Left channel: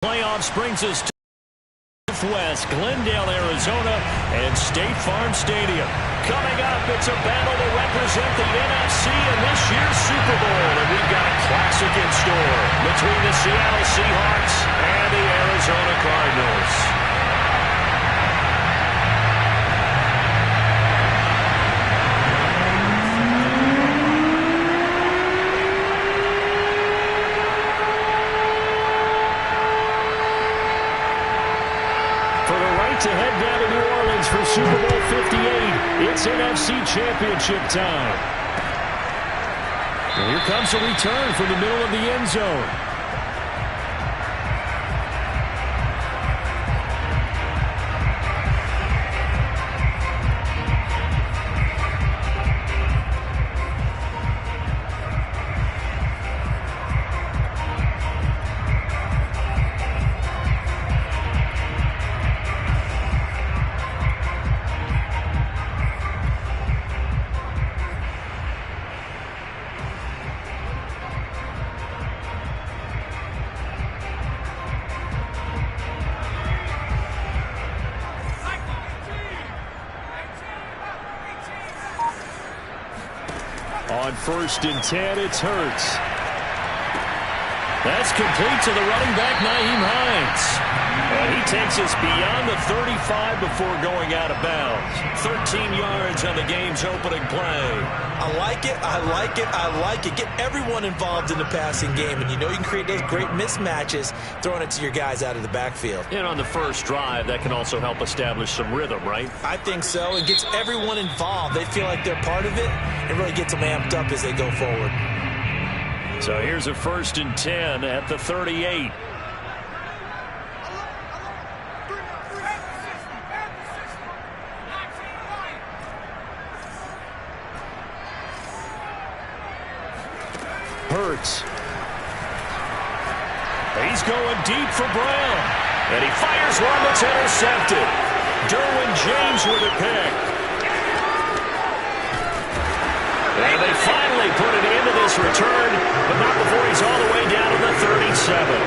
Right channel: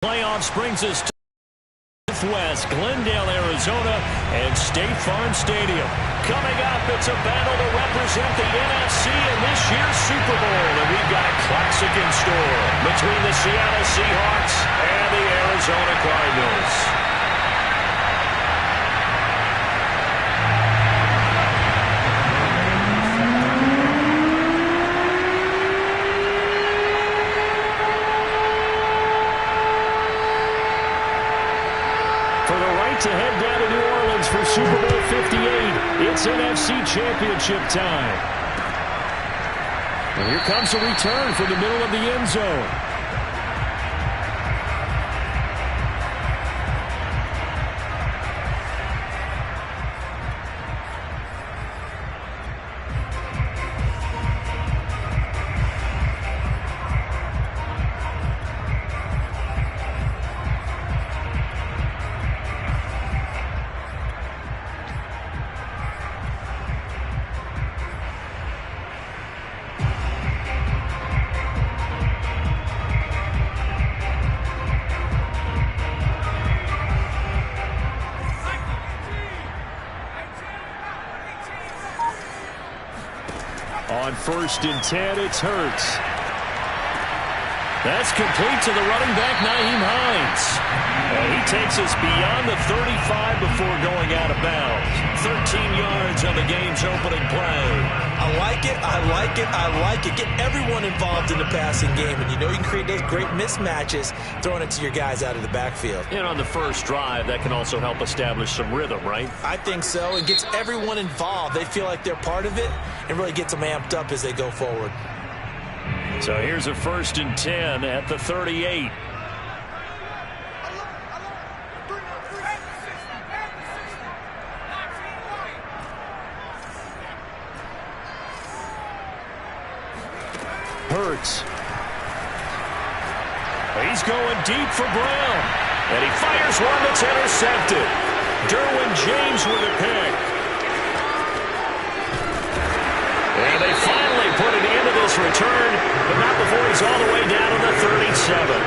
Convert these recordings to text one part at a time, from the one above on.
Playoffs brings us to Northwest, Glendale, Arizona, and State Farm Stadium. Coming up, it's a battle to represent the NFC in this year's Super Bowl, and we've got a classic in store between the Seattle Seahawks and the Arizona Cardinals. To head down to New Orleans for Super Bowl 58. It's NFC Championship time. And here comes a return from the middle of the end zone. On 1st and 10, it's Hurts. That's complete to the running back, Nyheim Hines. And he takes us beyond the 35 before going out of bounds. 13 yards on the game's opening play. I like it, I like it, I like it. Get everyone involved in the passing game, and you know you can create those great mismatches throwing it to your guys out of the backfield. And on the first drive, that can also help establish some rhythm, right? I think so. It gets everyone involved. They feel like they're part of it, and really gets them amped up as they go forward. So here's a 1st and 10 at the 38. Hurts. He's going deep for Brown. And he fires one that's intercepted. Derwin James with a pick. And they finally put it into this return, but not before he's all the way down to the 37.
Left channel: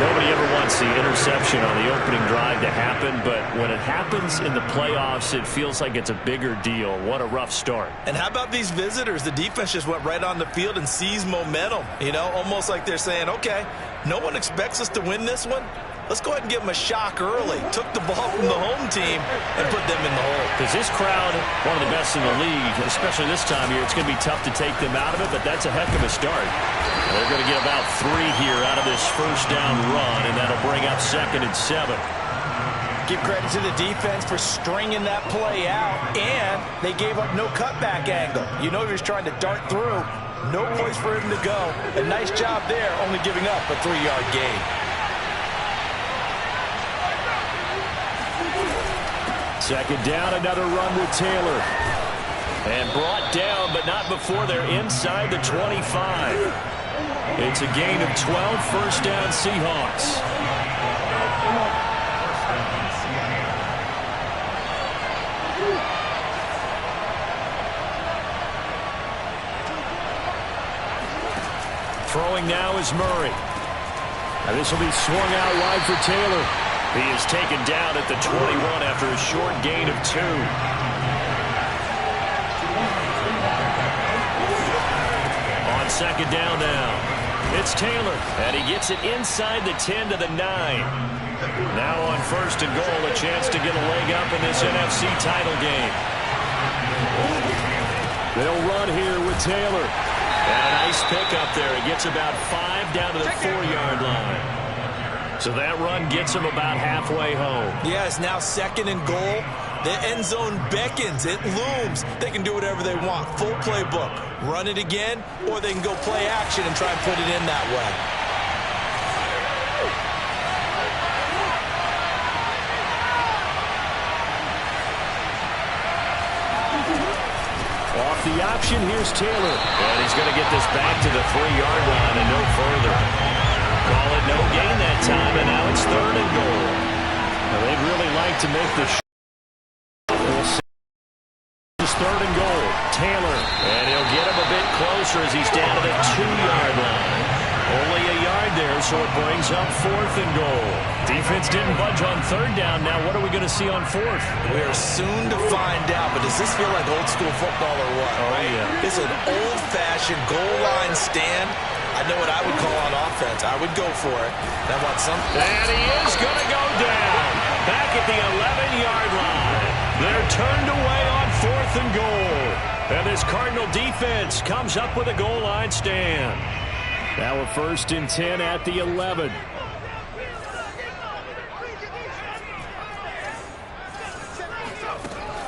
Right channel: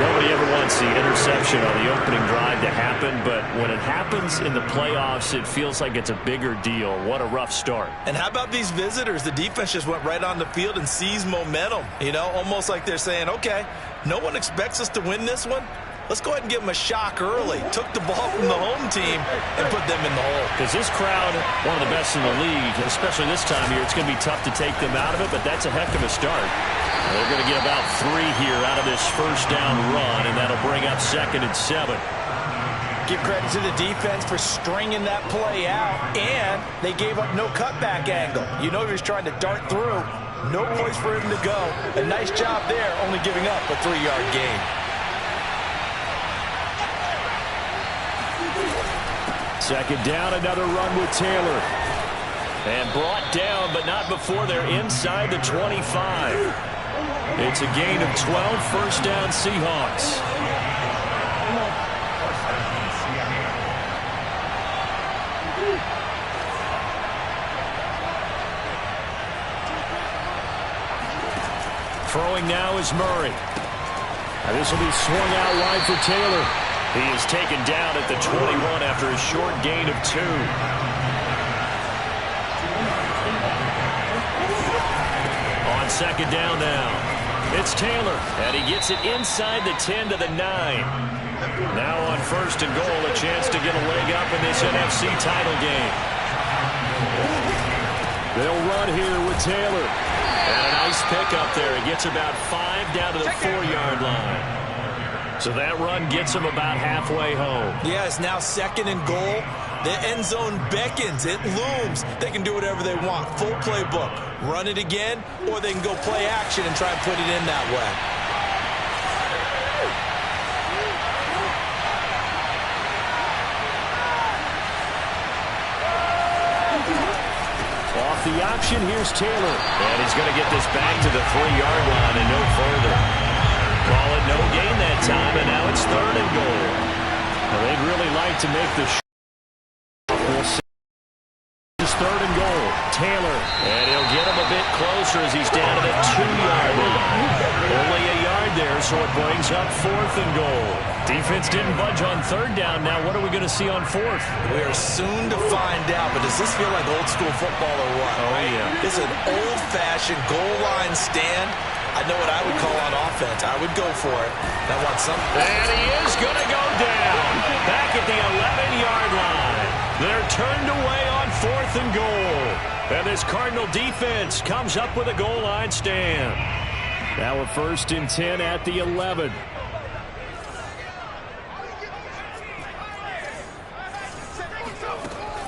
Nobody ever wants the interception on the opening drive to happen, but when it happens in the playoffs, it feels like it's a bigger deal. What a rough start. And how about these visitors? The defense just went right on the field and seized momentum. You know, almost like they're saying, okay, no one expects us to win this one. Let's go ahead and give them a shock early. Took the ball from the home team and put them in the hole. Because this crowd, one of the best in the league, especially this time of year, it's going to be tough to take them out of it, but that's a heck of a start. Now they're going to get about 3 here out of this first down run, and that'll bring up 2nd and 7. Give credit to the defense for stringing that play out, and they gave up no cutback angle. You know he was trying to dart through. No place for him to go. A nice job there, only giving up a 3-yard gain. Second down, another run with Taylor. And brought down, but not before they're inside the 25. It's a gain of 12, 1st down Seahawks. Throwing now is Murray. Now this will be swung out wide for Taylor. He is taken down at the 21 after a short gain of 2. On 2nd down now, it's Taylor, and he gets it inside the 10 to the 9. Now on 1st and goal, a chance to get a leg up in this NFC title game. They'll run here with Taylor. And a nice pickup there. He gets about 5 down to the 4-yard line. So that run gets him about halfway home. Yeah, it's now 2nd and goal. The end zone beckons. It looms. They can do whatever they want. Full playbook. Run it again, or they can go play action and try and put it in that way. Off the option, here's Taylor. And he's going to get this back to the 3-yard line and no further. Call it no gain that time, and now it's 3rd and goal. Now they'd really like to make the we'll see. It's 3rd and goal. Taylor, and he'll get him a bit closer as he's down to the 2-yard line. Only a yard there, so it brings up 4th and goal. Defense didn't budge on 3rd down. Now what are we going to see on 4th? We are soon to find out, but does this feel like old school football or what? Oh, right? yeah. It's an old-fashioned goal line stand. I know what I would call on offense. I would go for it. And I want some. And he is going to go down. Back at the 11-yard line. They're turned away on 4th and goal. And this Cardinal defense comes up with a goal line stand. Now a 1st and 10 at the 11.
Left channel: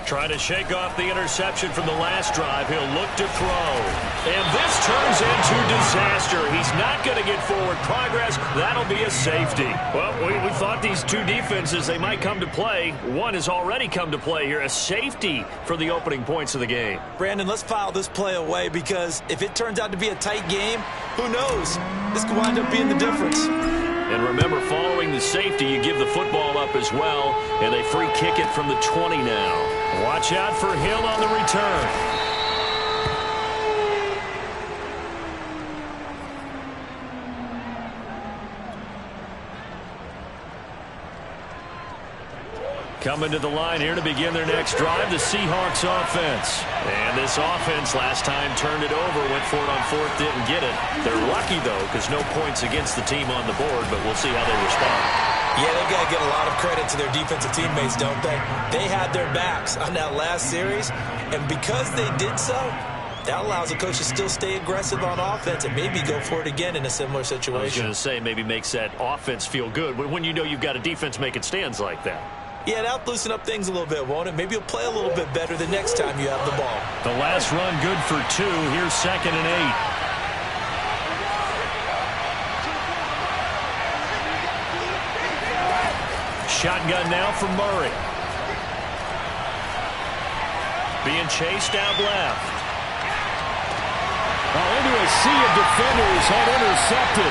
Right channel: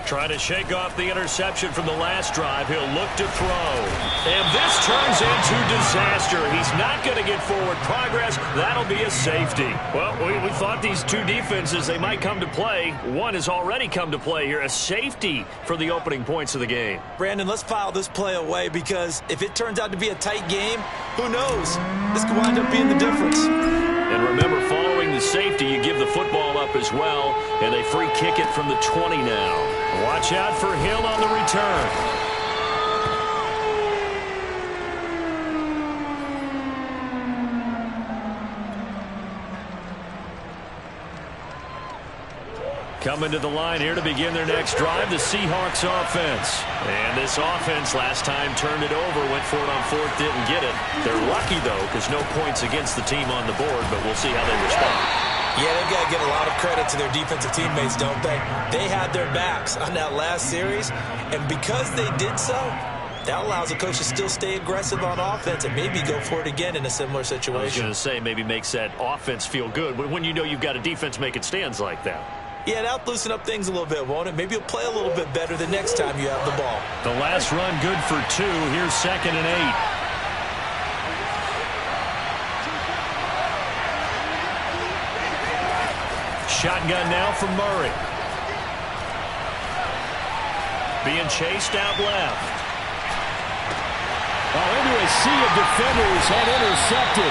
Trying to shake off the interception from the last drive. He'll look to throw. And this turns into disaster. He's not going to get forward progress. That'll be a safety. Well, we thought these two defenses, they might come to play. One has already come to play here. A safety for the opening points of the game. Brandon, let's file this play away because if it turns out to be a tight game, who knows? This could wind up being the difference. And remember, following the safety, you give the football up as well, and they free kick it from the 20 now. Watch out for Hill on the return. Coming to the line here to begin their next drive, the Seahawks offense. And this offense last time turned it over, went for it on 4th, didn't get it. They're lucky, though, because no points against the team on the board, but we'll see how they respond. Yeah, they've got to give a lot of credit to their defensive teammates, don't they? They had their backs on that last series, and because they did so, that allows the coach to still stay aggressive on offense and maybe go for it again in a similar situation. I was going to say, maybe makes that offense feel good, but when you know you've got a defense making stands like that. Yeah, that'll loosen up things a little bit, won't it? Maybe you'll play a little bit better the next time you have the ball. The last run good for 2. Here's 2nd and 8. Shotgun now for Murray. Being chased out left. Oh, into a sea of defenders and intercepted.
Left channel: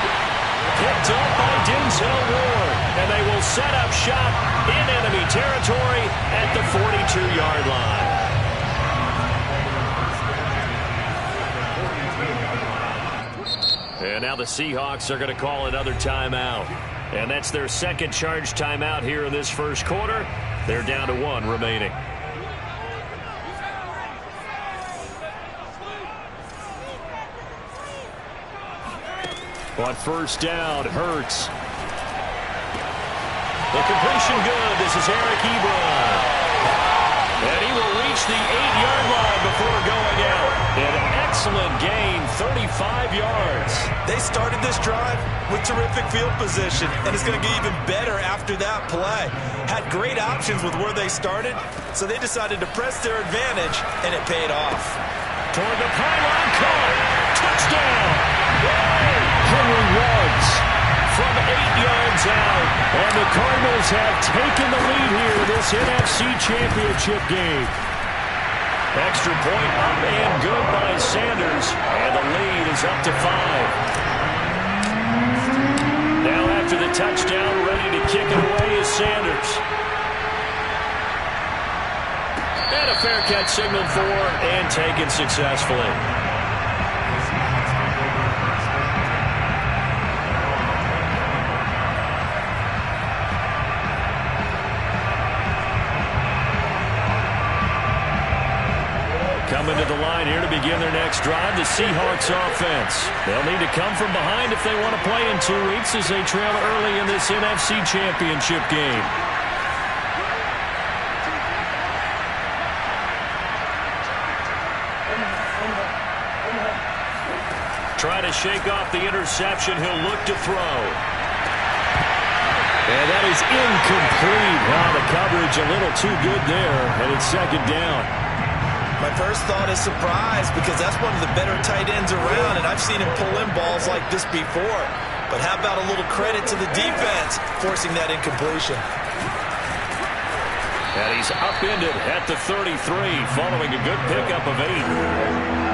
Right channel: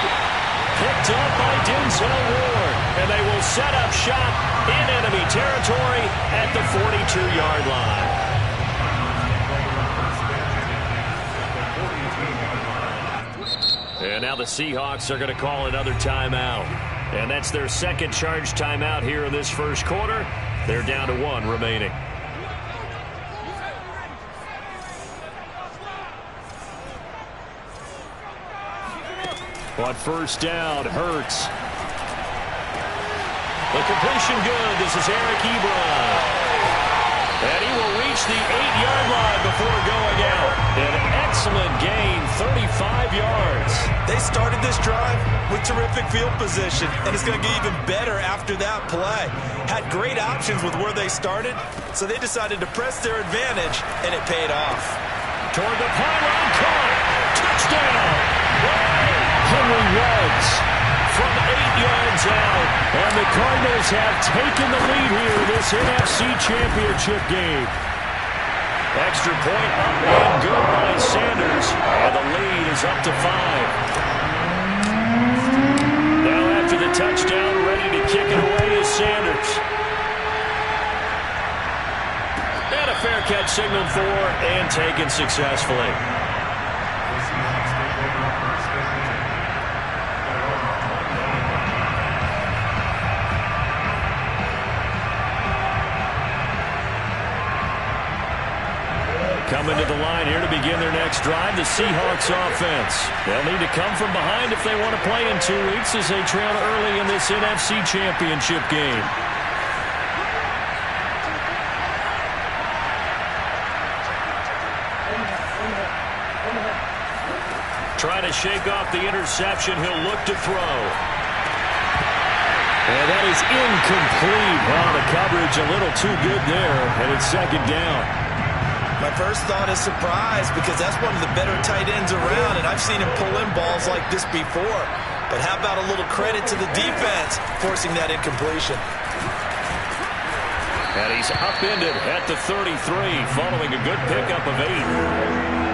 Picked up by Denzel Ward. And they will set up shop in enemy territory at the 42-yard line. And now the Seahawks are going to call another timeout. And that's their second charge timeout here in this first quarter. They're down to 1 remaining. On 1st down, Hurts. The completion good. This is Eric Ebron. And he will reach the 8-yard line before going out. An excellent gain, 35 yards. They started this drive with terrific field position, and it's going to get even better after that play. Had great options with where they started, so they decided to press their advantage, and it paid off. Toward the pylon, caught. Touchdown. Henry Ruggs from 8 yards out, and the Cardinals have taken the lead here in this NFC Championship game. Extra point up and good by Sanders, and the lead is up to 5. Now after the touchdown, ready to kick it away is Sanders. And a fair catch signaled for and taken successfully. Coming to the line here to begin their next drive, the Seahawks offense. They'll need to come from behind if they want to play in 2 weeks as they trail early in this NFC Championship game. Try to shake off the interception. He'll look to throw. And that is incomplete. Oh, the coverage a little too good there, and it's 2nd down. My first thought is surprise because that's one of the better tight ends around, and I've seen him pull in balls like this before. But how about a little credit to the defense forcing that incompletion? And he's upended at the 33 following a good pickup of 8.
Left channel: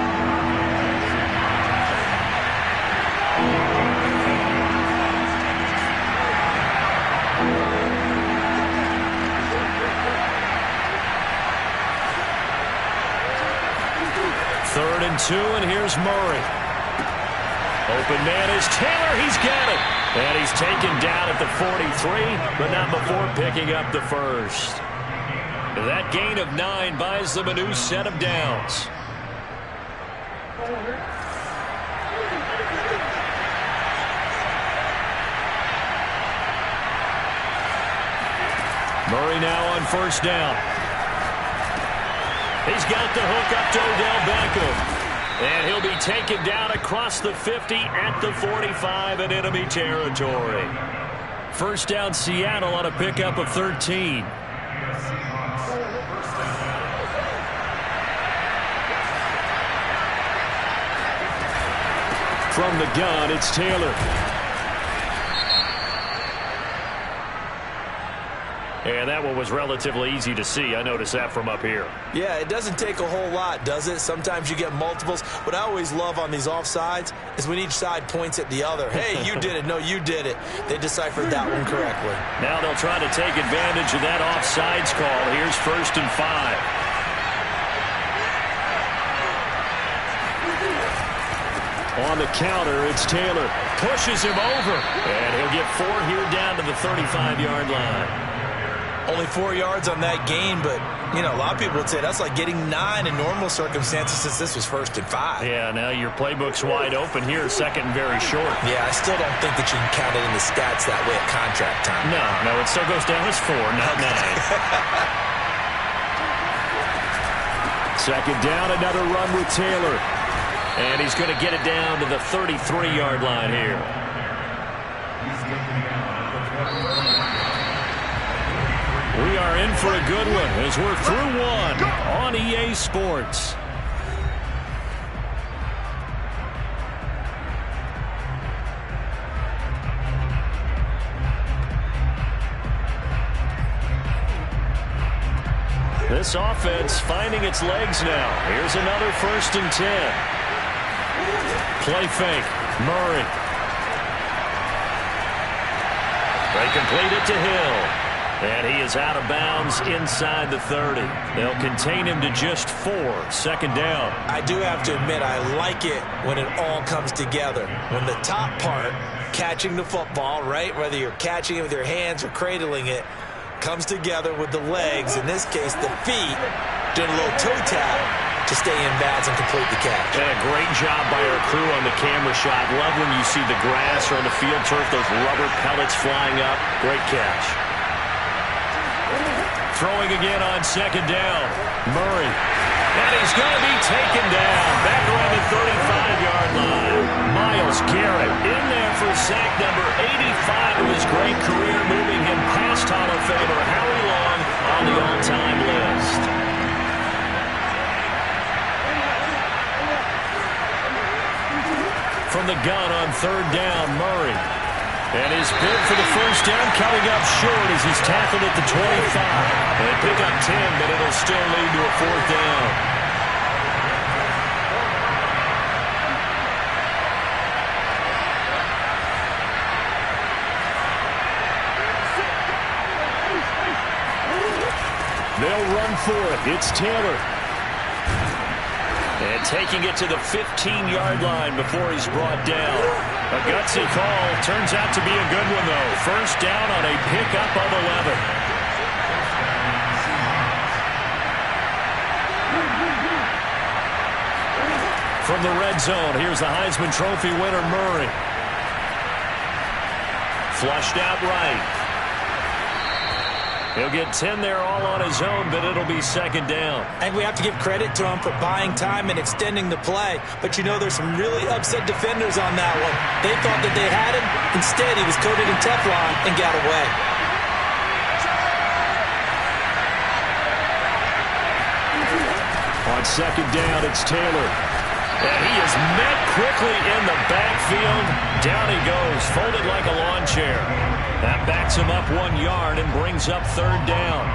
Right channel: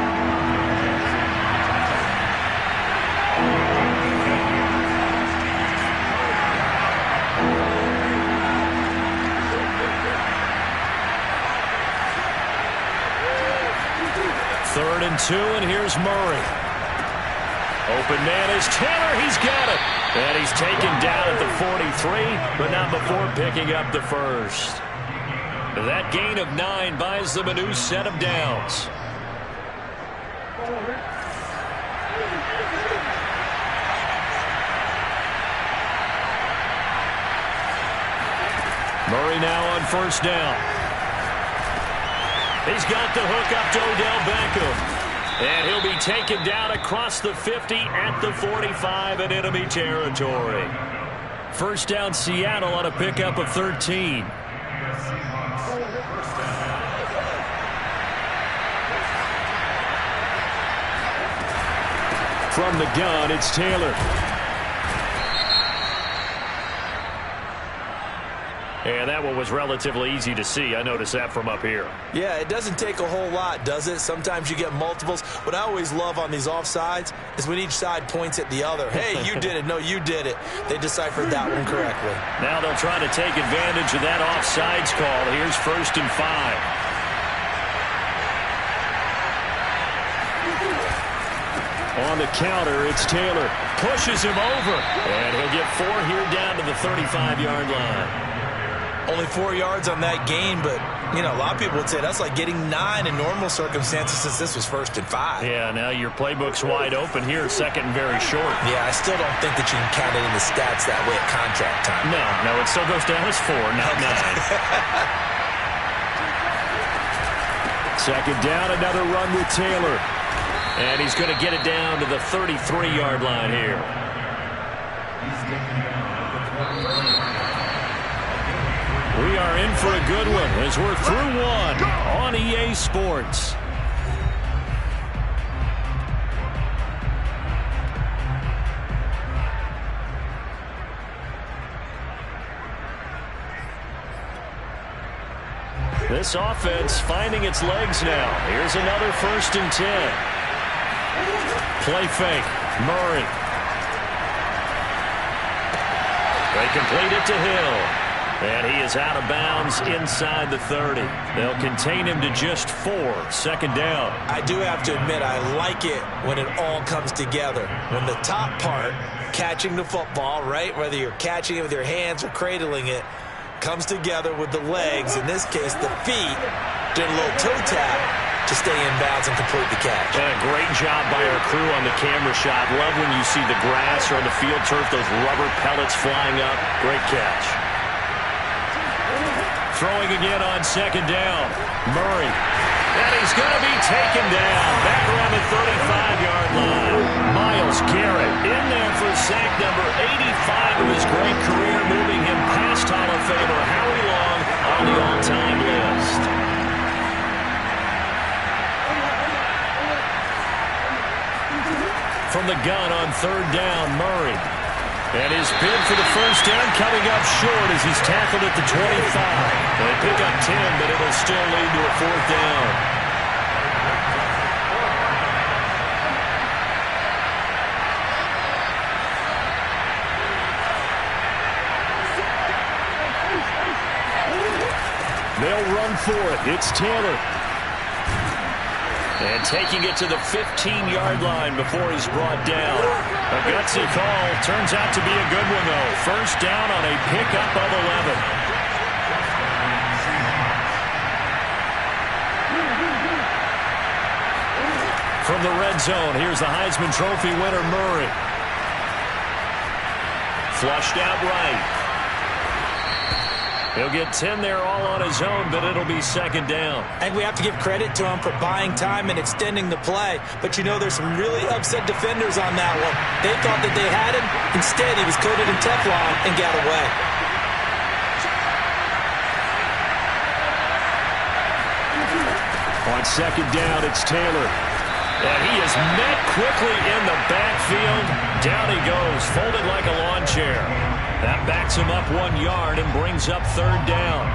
Third and 2, and here's Murray. Open man is Taylor. He's got it. And he's taken down at the 43, but not before picking up the first. That gain of 9 buys them a new set of downs. Murray now on first down. He's got the hook up to Odell Beckham. And he'll be taken down across the 50 at the 45 in enemy territory. First down Seattle on a pickup of 13. From the gun, it's Taylor. And that one was relatively easy to see. I noticed that from up here. Yeah, it doesn't take a whole lot, does it? Sometimes you get multiples. What I always love on these offsides is when each side points at the other. Hey, you did it. No, you did it. They deciphered that one correctly. Now they'll try to take advantage of that offsides call. Here's 1st and 5. On the counter, it's Taylor. Pushes him over. And he'll get 4 here down to the 35-yard line. Only 4 yards on that gain, but, you know, a lot of people would say that's like getting 9 in normal circumstances since this was 1st and 5. Yeah, now your playbook's wide open here, 2nd and very short. Yeah, I still don't think that you can count it in the stats that way at contract time. No, it still goes down as 4, not 9. 2nd down, another run with Taylor. And he's going to get it down to the 33-yard line here. We are in for a good one as we're through one on EA Sports. This offense finding its legs now. Here's another 1st and 10. Play fake. Murray. They complete it to Hill. And he is out of bounds inside the 30. They'll contain him to just 4. 2nd down. I do have to admit, I like it when it all comes together. When the top part, catching the football, right, whether you're catching it with your hands or cradling it, comes together with the legs, in this case the feet, doing a little toe tap to stay in bounds and complete the catch. And a great job by our crew on the camera shot. Love when you see the grass or on the field turf, those rubber pellets flying up. Great catch. Throwing again on 2nd down. Murray. And he's going to be taken down. Back around the 35-yard line. Myles Garrett in there for sack number 85 of his great career, moving him past Hall of Famer Howie Long on the all-time list. From the gun on 3rd down, Murray. And his bid for the 1st down coming up short as he's tackled at the 25. They pick up 10, but it'll still lead to a 4th down. They'll run for it. It's Taylor. And taking it to the 15-yard line before he's brought down. A gutsy call. Turns out to be a good one, though. 1st down on a pickup of 11. From the red zone, here's the Heisman Trophy winner, Murray. Flushed out right. He'll get 10 there all on his own, but it'll be 2nd down. I think we have to give credit to him for buying time and extending the play. But, you know, there's some really upset defenders on that one. They thought that they had him. Instead, he was coated in Teflon and got away. On 2nd down, it's Taylor. And he is met quickly in the backfield. Down he goes, folded like a lawn chair. That backs him up 1 yard and brings up 3rd down.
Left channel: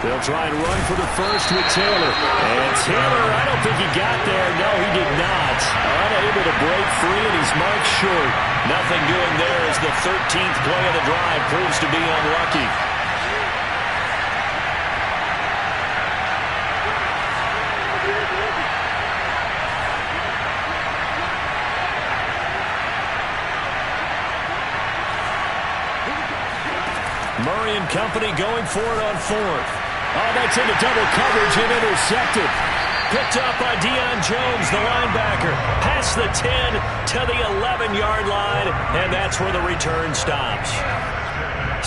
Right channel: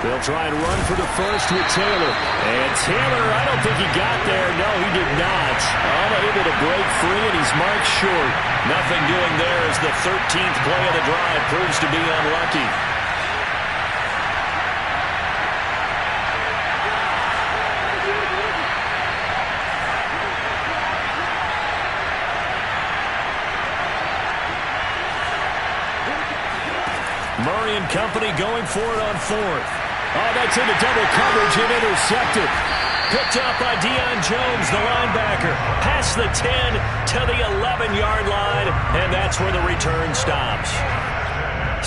They'll try and run for the 1st with Taylor. And Taylor, I don't think he got there. No, he did not. Unable to break free, and he's marked short. Nothing doing there as the 13th play of the drive proves to be unlucky. Murray and company going for it on fourth. Oh, that's into double coverage and intercepted. Picked up by Deion Jones, the linebacker. Past the 10 to the 11-yard line, and that's where the return stops.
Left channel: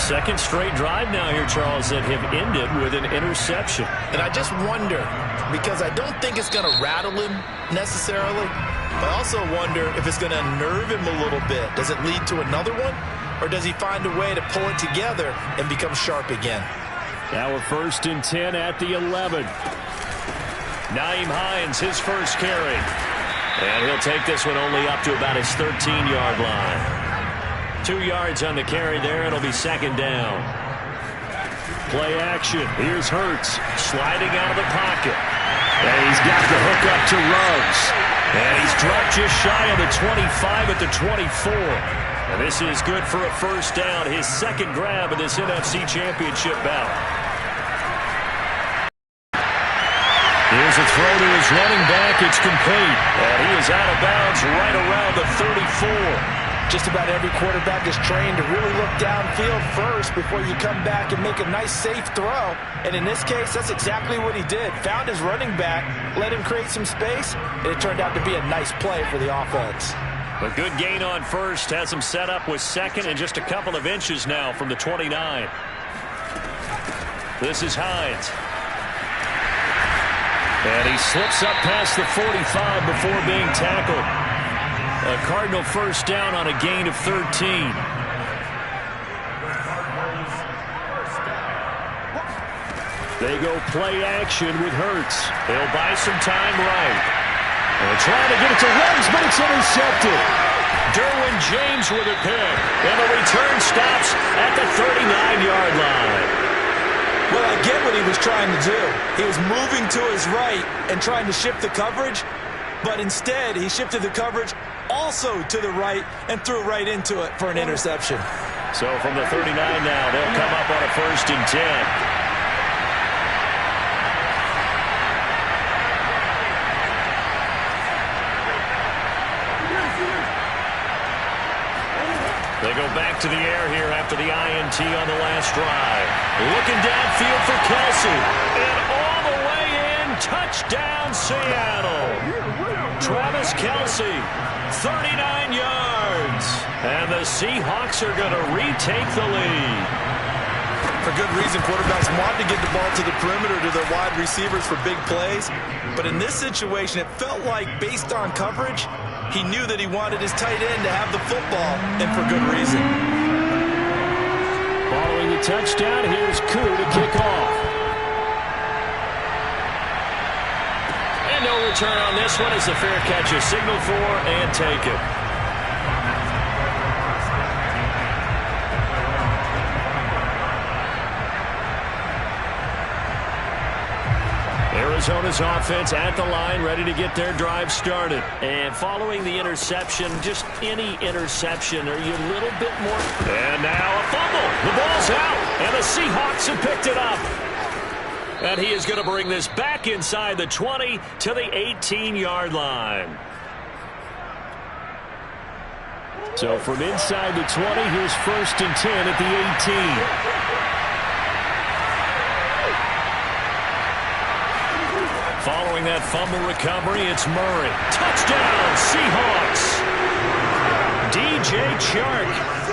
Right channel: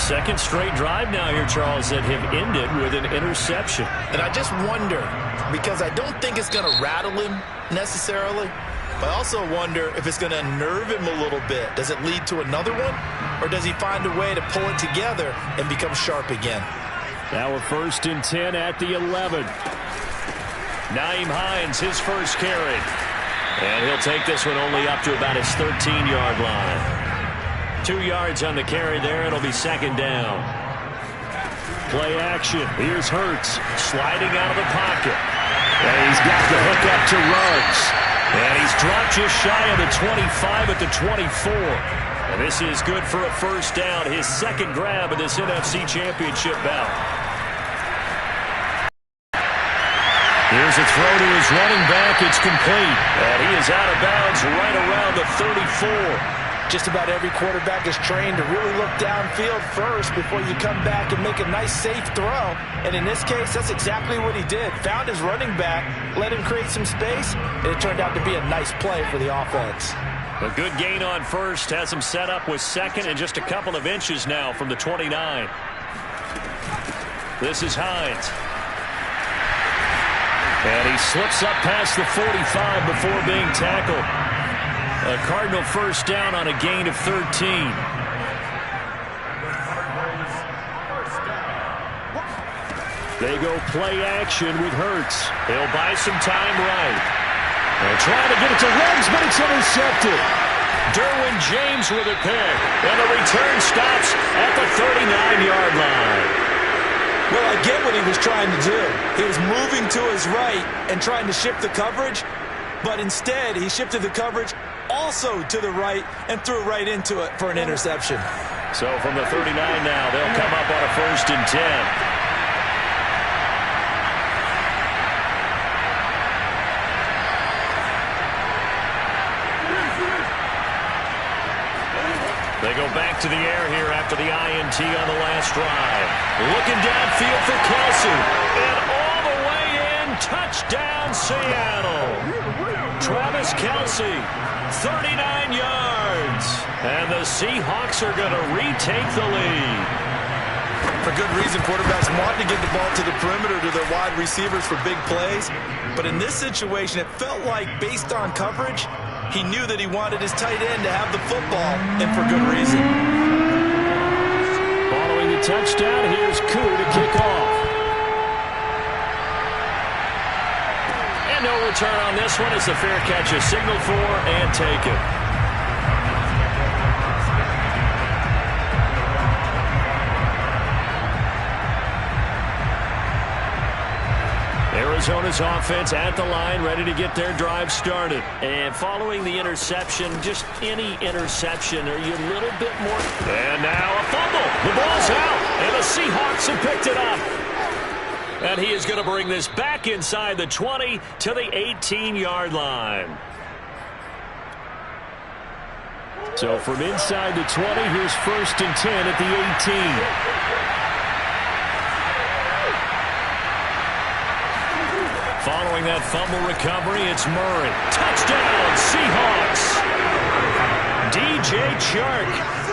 Second straight drive now here, Charles, that have ended with an interception. And I just wonder, because I don't think it's going to rattle him necessarily, but I also wonder if it's going to unnerve him a little bit. Does it lead to another one, or does he find a way to pull it together and become sharp again? Now a 1st and 10 at the 11. Nyheim Hines, his first carry. And he'll take this one only up to about his 13-yard line. 2 yards on the carry there. It'll be second down. Play action. Here's Hurts sliding out of the pocket. And he's got the hook up to Ruggs. And he's dropped just shy of the 25 at the 24. And this is good for a first down. His second grab of this NFC Championship bout. Here's a throw to his running back. It's complete. And he is out of bounds right around the 34. Just about every quarterback is trained to really look downfield first before you come back and make a nice, safe throw. And in this case, that's exactly what he did. Found his running back, let him create some space, and it turned out to be a nice play for the offense. A good gain on first. Has him set up with second and just a couple of inches now from the 29. This is Hines. And he slips up past the 45 before being tackled. A Cardinal first down on a gain of 13. They go play action with Hurts. He'll buy some time right. And trying to get it to Ruggs, but it's intercepted. Derwin James with a pick. And the return stops at the 39-yard line. Well, I get what he was trying to do. He was moving to his right and trying to shift the coverage, but instead he shifted the coverage also to the right and threw right into it for an interception. So from the 39 now, they'll come up on a 1st and 10. They go back to the air here after the INT on the last drive. Looking downfield for Kelce. And all the way in, touchdown Seattle. Travis Kelce, 39 yards. And the Seahawks are going to retake the lead. For good reason, quarterbacks want to get the ball to the perimeter to their wide receivers for big plays. But in this situation, it felt like, based on coverage, he knew that he wanted his tight end to have the football, and for good reason. Following the touchdown, here's Koo to kick off. And no return on this one as the fair catch is signaled for and taken. Arizona's offense at the line, ready to get their drive started. And following the interception, just any interception, are you a little bit more... And now a fumble. The ball's out, and the Seahawks have picked it up. And he is going to bring this back inside the 20 to the 18-yard line. So from inside the 20, here's 1st and 10 at the 18. Following that fumble recovery, it's Murray. Touchdown, Seahawks. DJ Chark,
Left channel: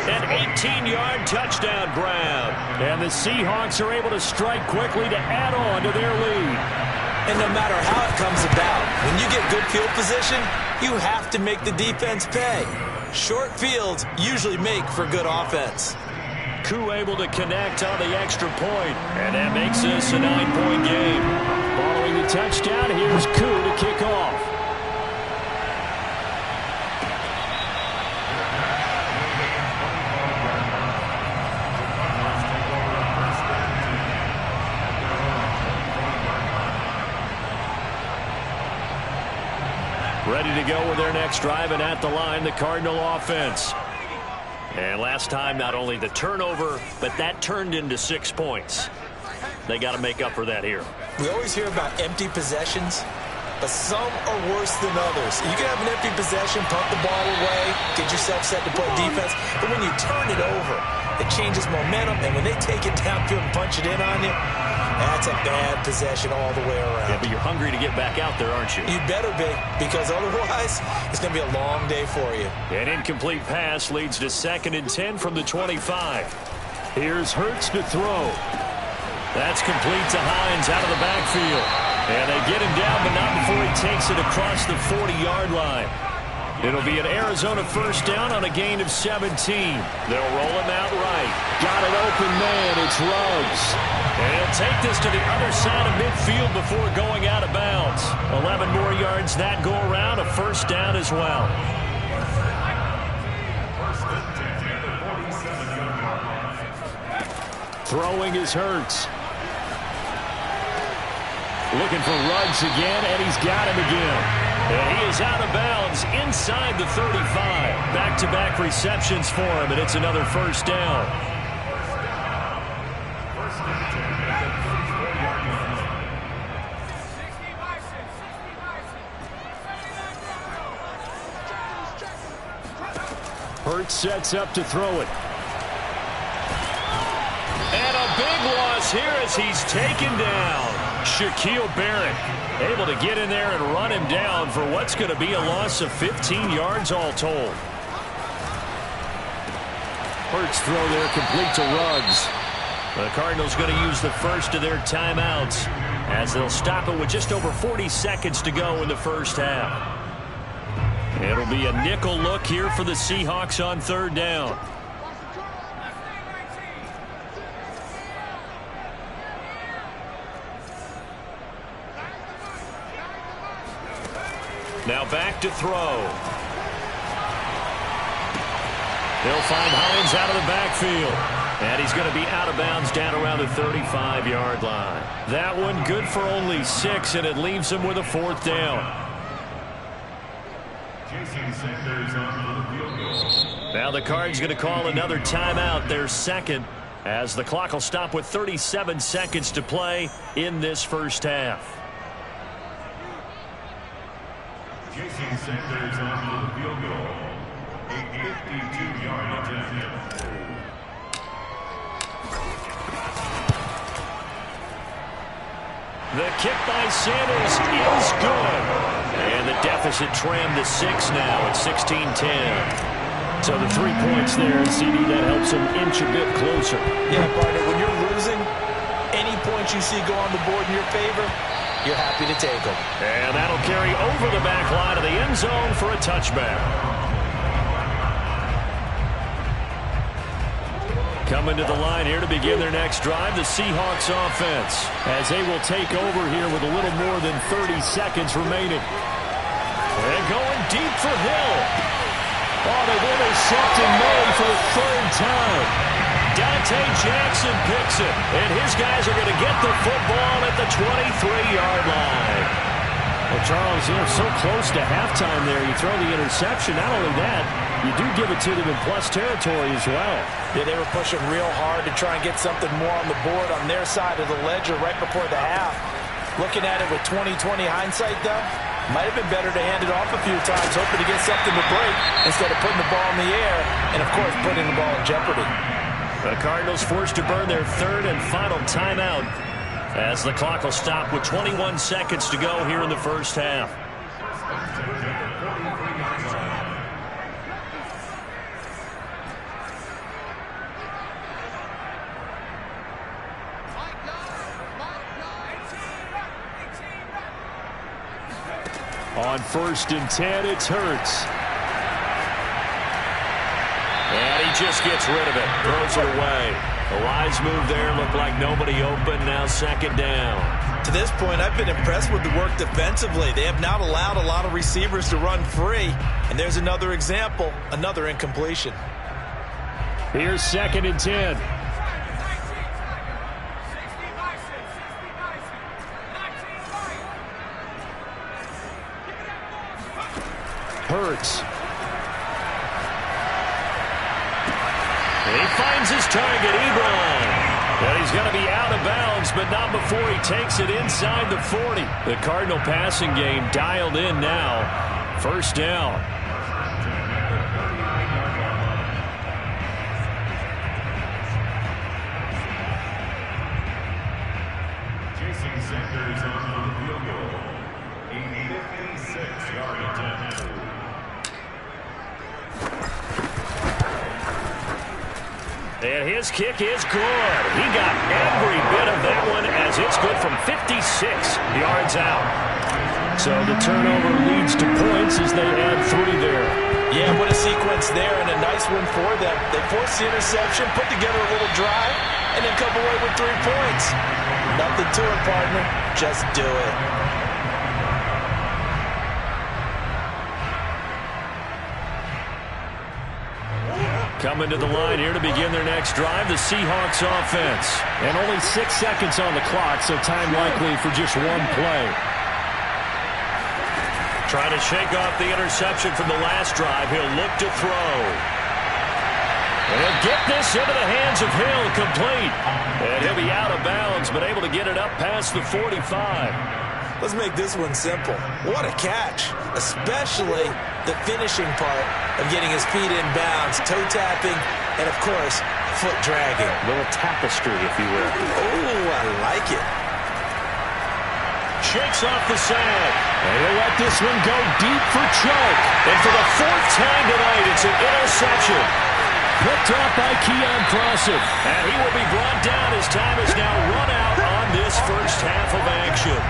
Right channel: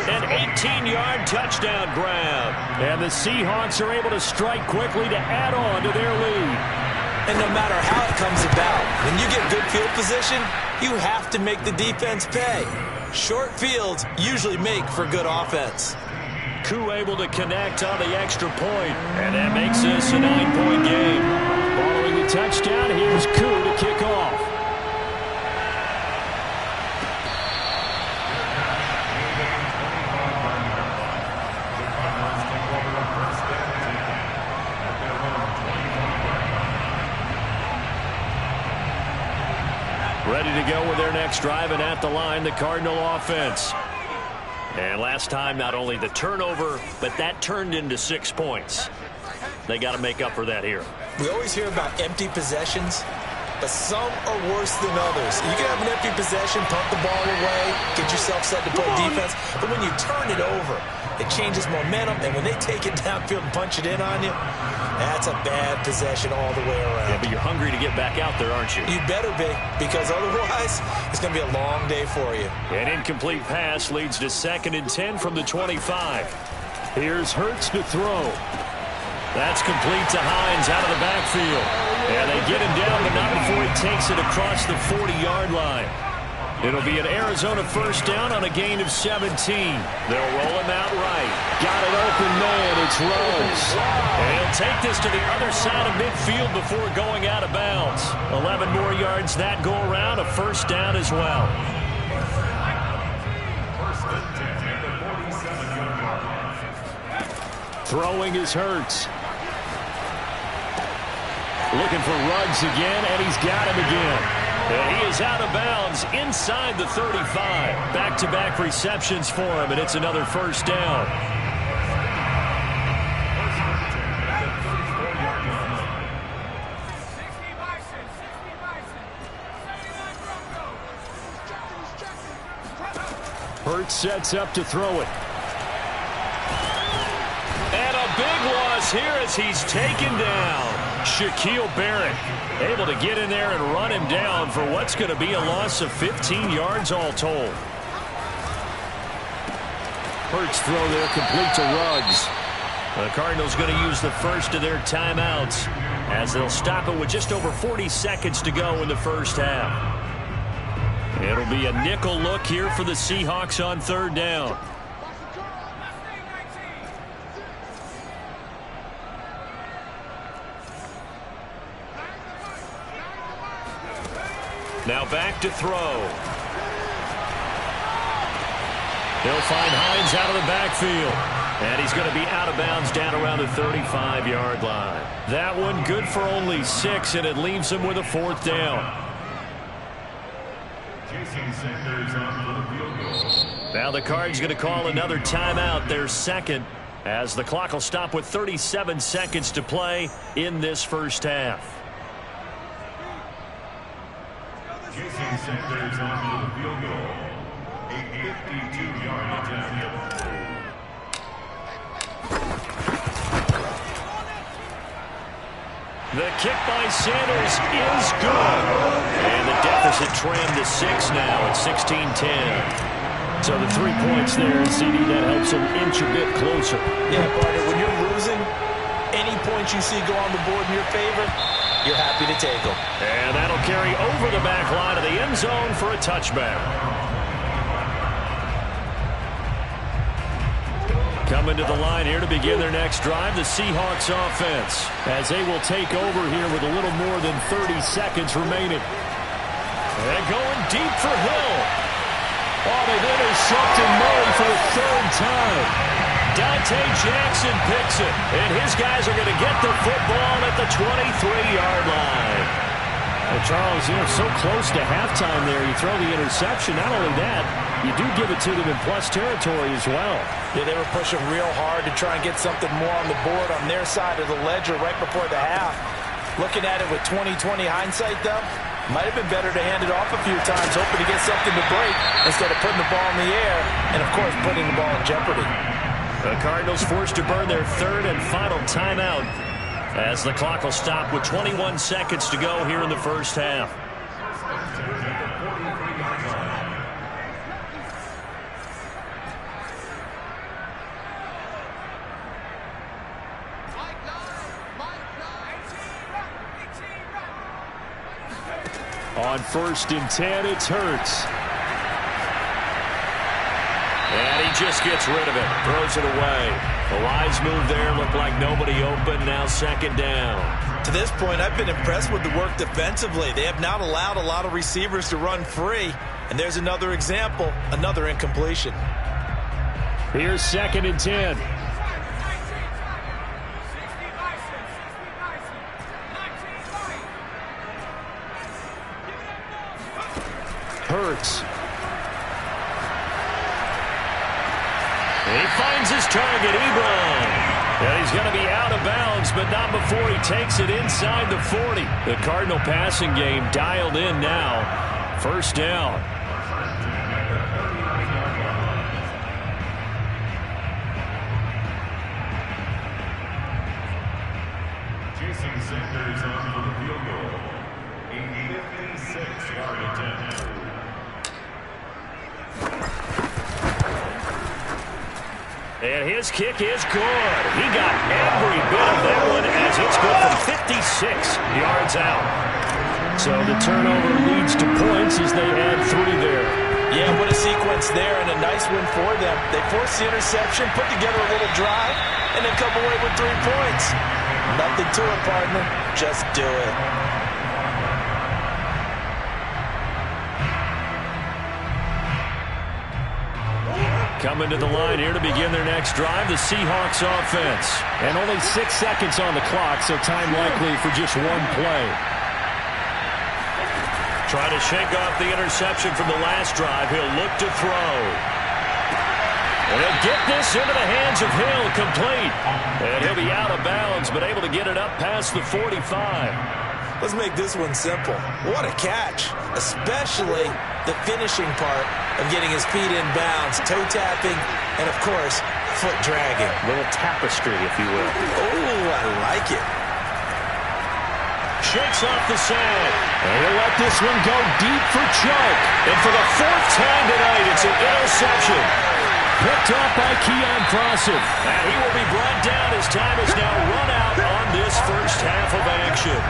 an 18-yard touchdown grab. And the Seahawks are able to strike quickly to add on to their lead. And no matter how it comes about, when you get good field position, you have to make the defense pay. Short fields usually make for good offense. Koo able to connect on the extra point, and that makes this a 9-point game. Following the touchdown, here's Koo to kick off. Ready to go with their next drive, and at the line, the Cardinal offense. And last time, not only the turnover, but that turned into 6 points. They got to make up for that here. We always hear about empty possessions, but some are worse than others. You can have an empty possession, punt the ball away, get yourself set to play defense, but when you turn it over, it changes momentum, and when they take it downfield and punch it in on you, that's a bad possession all the way around. Yeah, but you're hungry to get back out there, aren't you? You better be, because otherwise, it's going to be a long day for you. An incomplete pass leads to 2nd and 10 from the 25. Here's Hurts to throw. That's complete to Hines out of the backfield. And they get him down, but not before he takes it across the 40-yard line. It'll be an Arizona first down on a gain of 17. They'll roll him out right. Got an open man. It's Ruggs. And he'll take this to the other side of midfield before going out of bounds. 11 more yards that go around. A first down as well. Throwing is Hurts. Looking for Ruggs again, and he's got him again. And he is out of bounds inside the 35. Back-to-back receptions for him, and it's another first down. Hurts sets up to throw it. And a big loss here as he's taken down. Shaquille Barrett able to get in there and run him down for what's going to be a loss of 15 yards all told. Hurts throw there complete to Ruggs. The Cardinals going to use the first of their timeouts as they'll stop it with just over 40 seconds to go in the first half. It'll be a nickel look here for the Seahawks on 3rd down. Now back to throw. He'll find Hines out of the backfield. And he's going to be out of bounds down around the 35-yard line. That one good for only 6, and it leaves him with a 4th down. Now the Cards going to call another timeout, their 2nd, as the clock will stop with 37 seconds to play in this first half. Jason Sanders on for the field goal. A 52-yard attempt. The kick by Sanders is good. And the deficit trimmed to 6 now at 16-10. So the 3 points there, CD, that helps him inch a bit closer. Yeah, partner, when you're losing, any points you see go on the board in your favor, you're happy to take them. And that'll carry over the back line of the end zone for a touchback. Coming to the line here to begin their next drive, the Seahawks offense, as they will take over here with a little more than 30 seconds remaining. And going deep for Hill. Oh, they've intercepted Murray for the 3rd time. Dante Jackson picks it, and his guys are going to get the football at the 23-yard line. Well, Charles, so close to halftime there. You throw the interception. Not only that, you do give it to them in plus territory as well. Yeah, they were pushing real hard to try and get something more on the board on their side of the ledger right before the half. Looking at it with 20/20 hindsight, though, might have been better to hand it off a few times, hoping to get something to break instead of putting the ball in the air and, of course, putting the ball in jeopardy. The Cardinals forced to burn their 3rd and final timeout as the clock will stop with 21 seconds to go here in the first half. On 1st and 10, it's Hurts. And he just gets rid of it, throws it away. A wise move there, looked like nobody open, now 2nd down. To this point, I've been impressed with the work defensively. They have not allowed a lot of receivers to run free. And there's another example, another incompletion. Here's 2nd and 10. Hurts. He finds his target, Ebron. And he's going to be out of bounds, but not before he takes it inside the 40. The Cardinal passing game dialed in now. First down. Jason Sanders on for the field goal. A 56-yard attempt. And his kick is good. He got every bit of that one as it's good from 56 yards out. So the turnover leads to points as they add 3 there. Yeah, what a sequence there, and a nice win for them. They forced the interception, put together a little drive, and then come away with 3 points. Nothing to it, partner. Just do it. Coming to the line here to begin their next drive, the Seahawks offense. And only 6 seconds on the clock, so time likely for just 1 play. Trying to shake off the interception from the last drive. He'll look to throw. And he'll get this into the hands of Hill, complete. And he'll be out of bounds, but able to get it up past the 45. Let's make this one simple. What a catch, especially the finishing part of getting his feet in bounds, toe tapping, and, of course, foot dragging. Little tapestry, if you will. Oh, I like it. Shakes off the sack. And he'll let this one go deep for Chuck. And for the 4th time tonight, it's an interception. Picked off by Keon Crossan. And he will be brought down as time is now run out on this first half of action.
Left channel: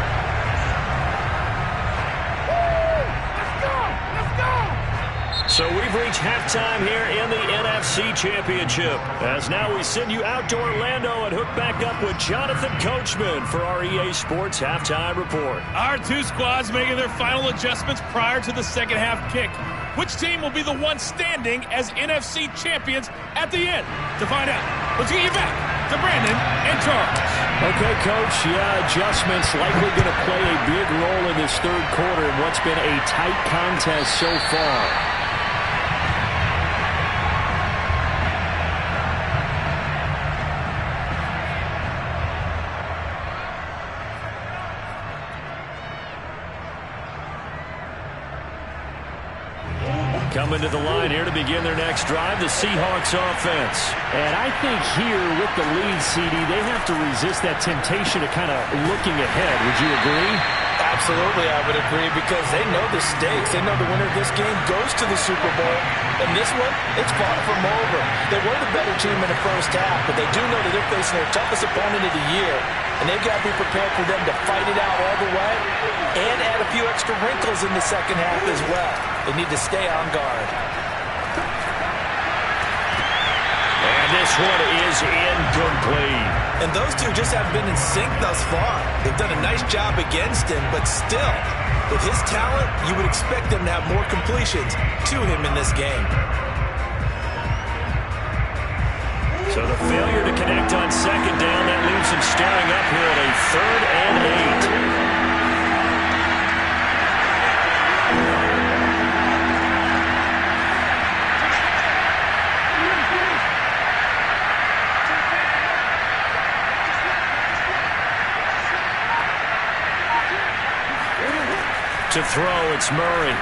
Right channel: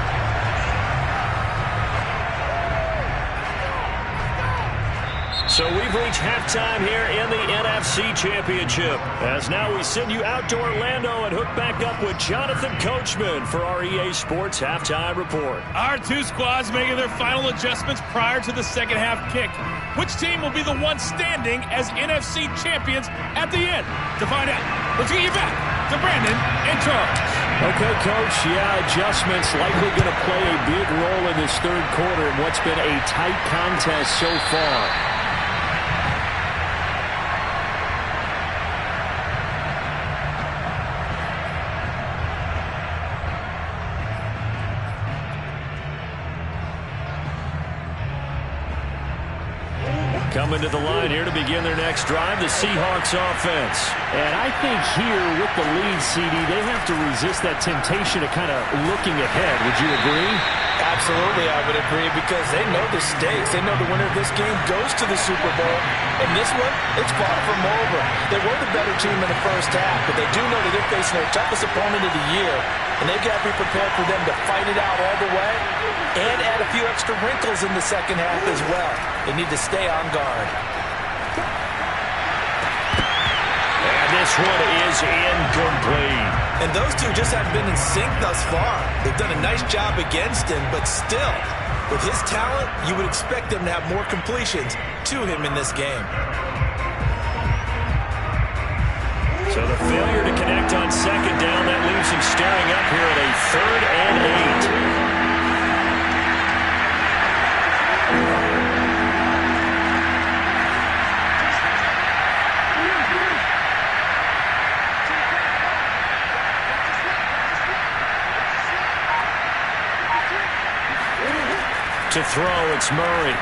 So we've reached halftime here in the NFC Championship. As now we send you out to Orlando and hook back up with Jonathan Coachman for our EA Sports Halftime Report. Our 2 squads making their final adjustments prior to the second half kick. Which team will be the one standing as NFC champions at the end? To find out, let's get you back to Brandon and Charles. Okay, Coach. Yeah, adjustments likely going to play a big role in this third quarter in what's been a tight contest so far. Coming to the line here to begin their next drive, the Seahawks offense. And I think here with the lead, CD, they have to resist that temptation of kind of looking ahead. Would you agree? Absolutely, I would agree, because they know the stakes. They know the winner of this game goes to the Super Bowl. And this one, it's far from over. They were the better team in the first half, but they do know that they're facing their toughest opponent of the year. And they've got to be prepared for them to fight it out all the way and add a few extra wrinkles in the second half as well. They need to stay on guard. And this one is incomplete. And those two just haven't been in sync thus far. They've done a nice job against him, but still, with his talent, you would expect them to have more completions to him in this game. So the failure to connect on second down, that leaves him staring up here at a 3rd and 8. To throw, it's Murray.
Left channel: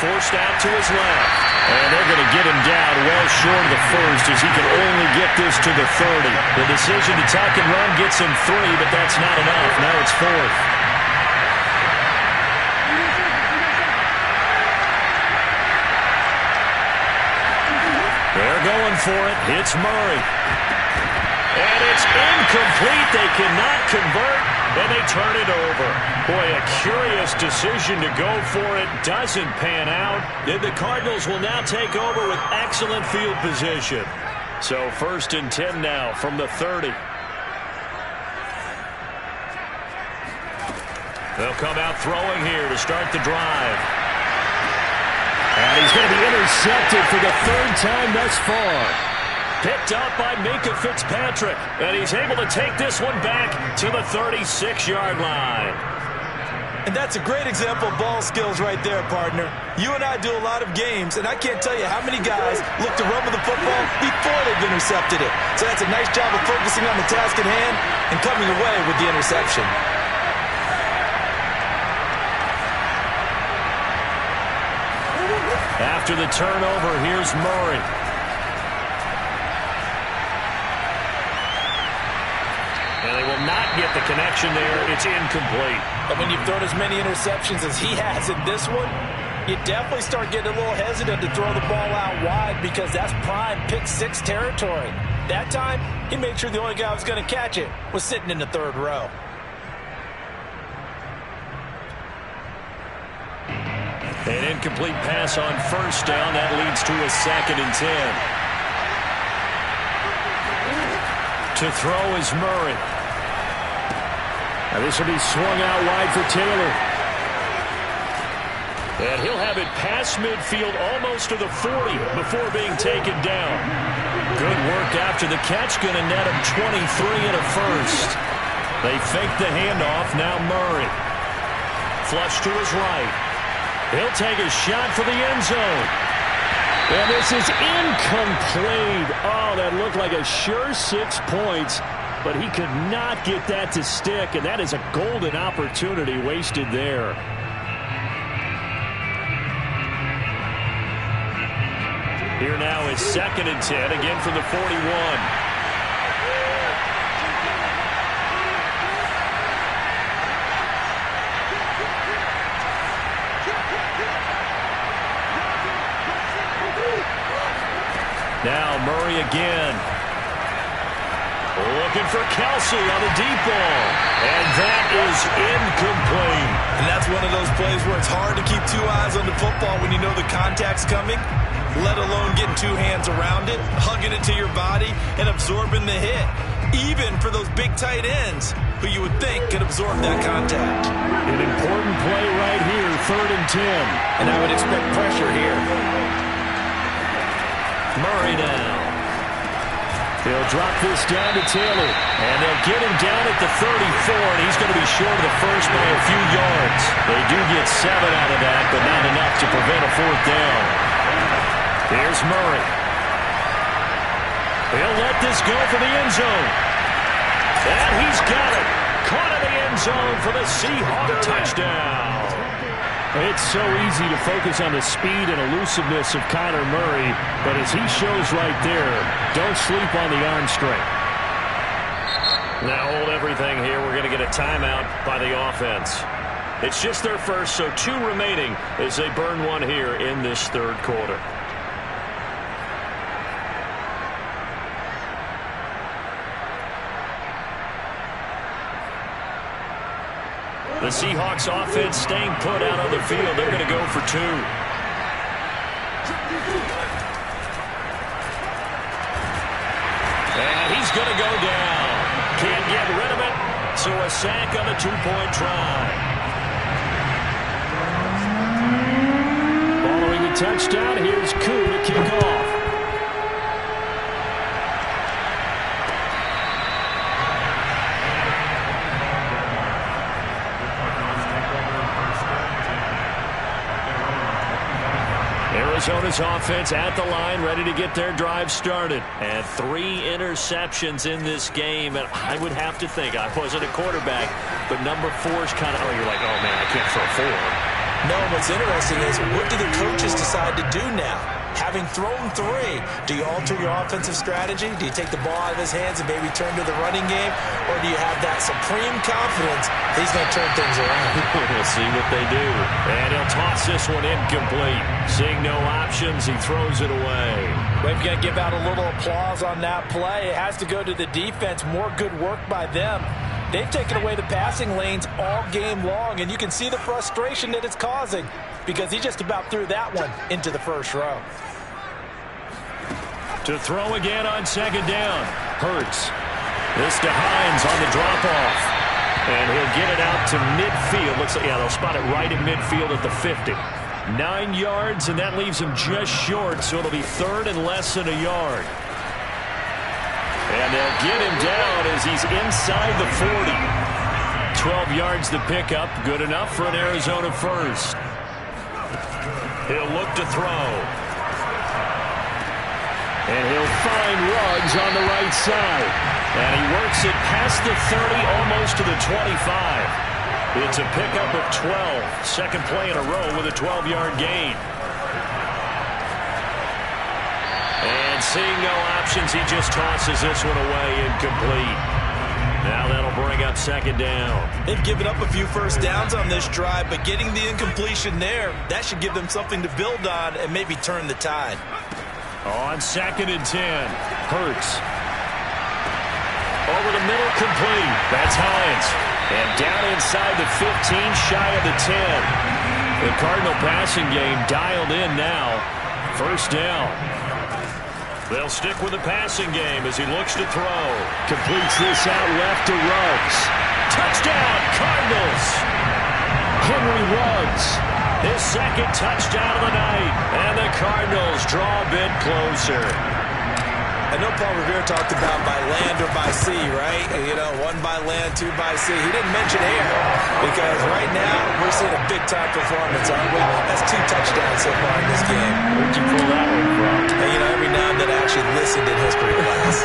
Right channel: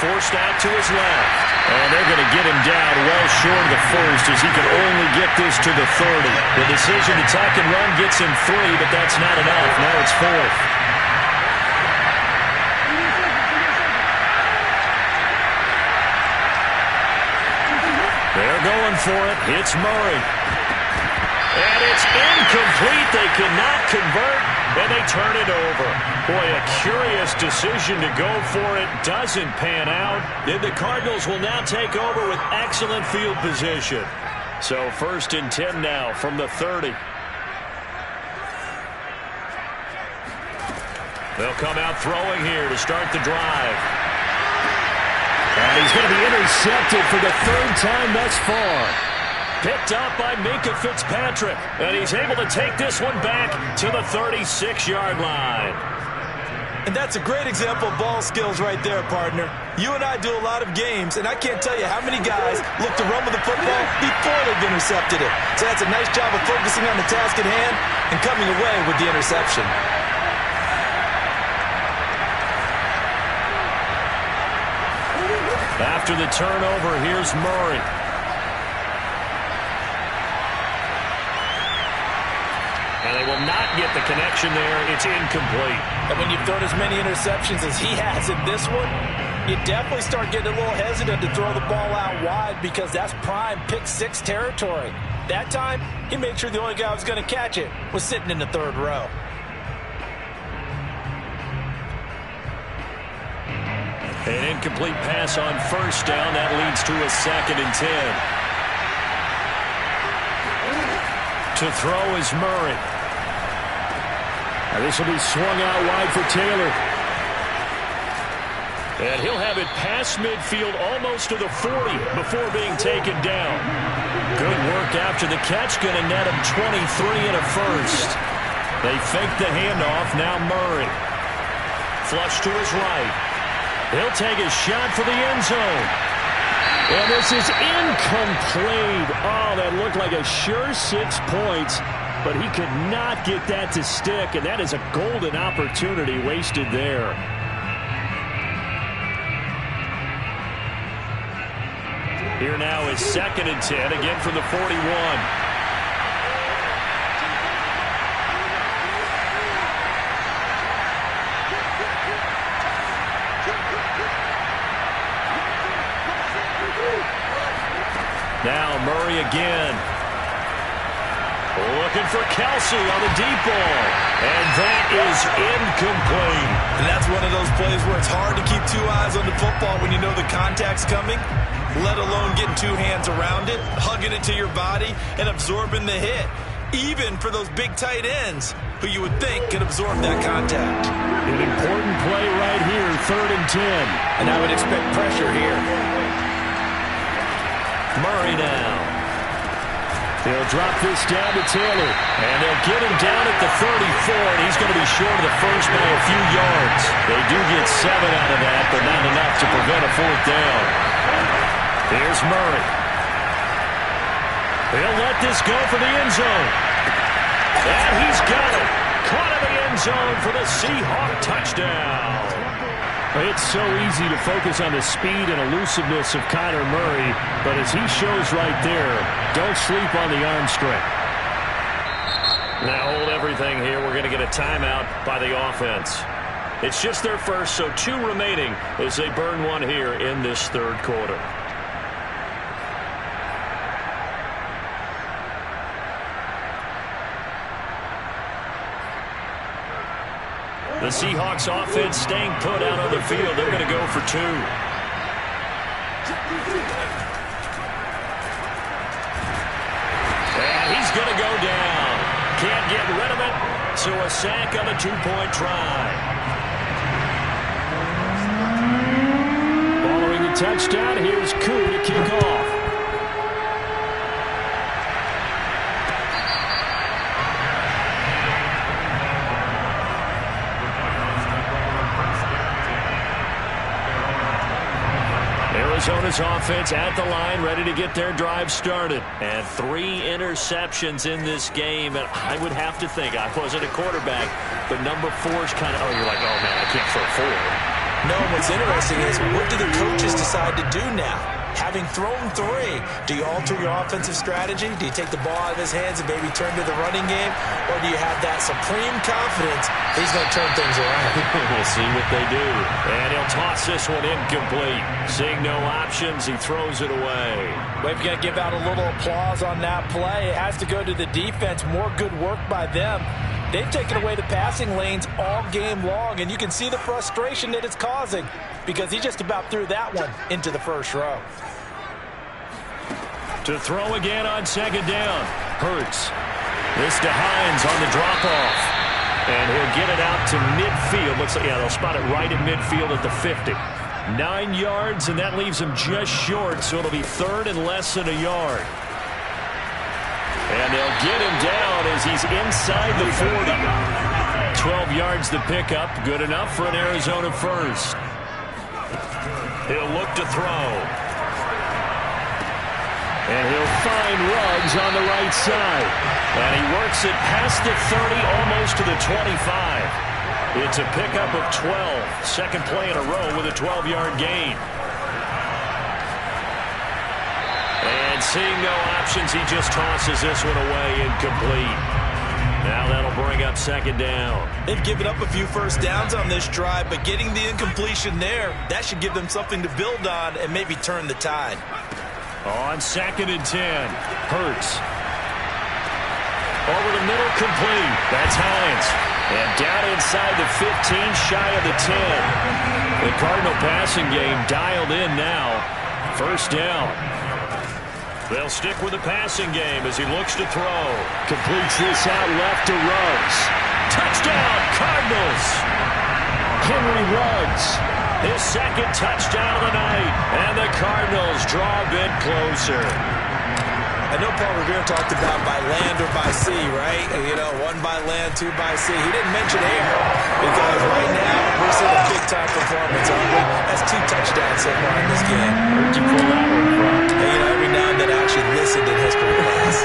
Forced out to his left. And they're going to get him down well short of the first as he can only get this to the 30. The decision to tuck and run gets him 3, but that's not enough. Now it's 4th. They're going for it. It's Murray. And it's incomplete. They cannot convert, and they turn it over. Boy, a curious decision to go for it. Doesn't pan out. And the Cardinals will now take over with excellent field position. So 1st and 10 now from the 30. They'll come out throwing here to start the drive. And he's going to be intercepted for the 3rd time thus far. Picked up by Minkah Fitzpatrick. And he's able to take this one back to the 36-yard line. And that's a great example of ball skills right there, partner. You and I do a lot of games, and I can't tell you how many guys look to run with the football before they've intercepted it. So that's a nice job of focusing on the task at hand and coming away with the interception. After the turnover, here's Murray. And they will not get the connection there. It's incomplete. And when you've thrown as many interceptions as he has in this one, you definitely start getting a little hesitant to throw the ball out wide because that's prime pick six territory. That time, he made sure the only guy who was going to catch it was sitting in the third row. An incomplete pass on first down. That leads to a 2nd and 10. To throw is Murray. Now this will be swung out wide for Taylor. And he'll have it past midfield almost to the 40 before being taken down. Good work after the catch. Going to net him 23 and a first. They fake the handoff. Now Murray. Flush to his right. He'll take a shot for the end zone. And this is incomplete. Oh, that looked like a sure 6 points, but he could not get that to stick, and that is a golden opportunity wasted there. Here now is 2nd and 10, again from the 41. Now Murray again. Looking for Kelsey on the deep ball. And that is incomplete. And that's one of those plays where it's hard to keep 2 eyes on the football when you know the contact's coming, let alone getting 2 hands around it, hugging it to your body, and absorbing the hit. Even for those big tight ends who you would think could absorb that contact. An important play right here, 3rd and 10. And I would expect pressure here. Murray now. They'll drop this down to Taylor. And they'll get him down at the 34, and he's going to be short of the first by a few yards. They do get 7 out of that, but not enough to prevent a 4th down. Here's Murray. He'll let this go for the end zone. And he's got it. Caught in the end zone for the Seahawk touchdown. It's so easy to focus on the speed and elusiveness of Kyler Murray, but as he shows right there, don't sleep on the arm strength. Now hold everything here. We're going to get a timeout by the offense. It's just their first, so 2 remaining as they burn one here in this 3rd quarter. The Seahawks offense staying put out on the field. They're going to go for 2. And he's going to go down. Can't get rid of it. So a sack on the 2-point try. Following the touchdown, here's Koo to kick off. Arizona's offense at the line, ready to get their drive started. And 3 interceptions in this game. And I would have to think, I wasn't a quarterback, but number 4 is kind of, oh, you're like, oh, man, I can't throw 4. No, what's interesting is what do the coaches decide to do now? Having thrown 3, do you alter your offensive strategy? Do you take the ball out of his hands and maybe turn to the running game? Or do you have that supreme confidence that he's going to turn things around? We'll see what they do. And he'll toss this one incomplete. Seeing no options, he throws it away. We've got to give out a little applause on that play. It has to go to the defense. More good work by them. They've taken away the passing lanes all game long, and you can see the frustration that it's causing because he just about threw that one into the first row. To throw again on 2nd down. Hurts. This to Hines on the drop-off. And he'll get it out to midfield. Looks like, yeah, they'll spot it right at midfield at the 50. 9 yards, and that leaves him just short, so it'll be 3rd and less than a yard. And they'll get him down as he's inside the 40. 12 yards to pick up. Good enough for an Arizona first. He'll look to throw. And he'll find Ruggs on the right side. And he works it past the 30, almost to the 25. It's a pickup of 12. 2nd play in a row with a 12-yard gain. And seeing no options, he just tosses this one away incomplete. Now that'll bring up second down. They've given up a few first downs on this drive, but getting the incompletion there, that should give them something to build on and maybe turn the tide. On 2nd and 10, Hurts. Over the middle, complete. That's Hines. And down inside the 15, shy of the 10. The Cardinal passing game dialed in now. First down. They'll stick with the passing game as he looks to throw. Completes this out left to Ruggs. Touchdown, Cardinals! Henry Ruggs, his second touchdown of the night. And the Cardinals draw a bit closer. I know Paul Revere talked about by land or by sea, right? You know, 1 by land, 2 by sea. He didn't mention air because right now we're seeing a big-time performance, aren't we? That's 2 touchdowns so far in this game. Where'd you pull that one from? And, you know, every now and then I actually listened in history class.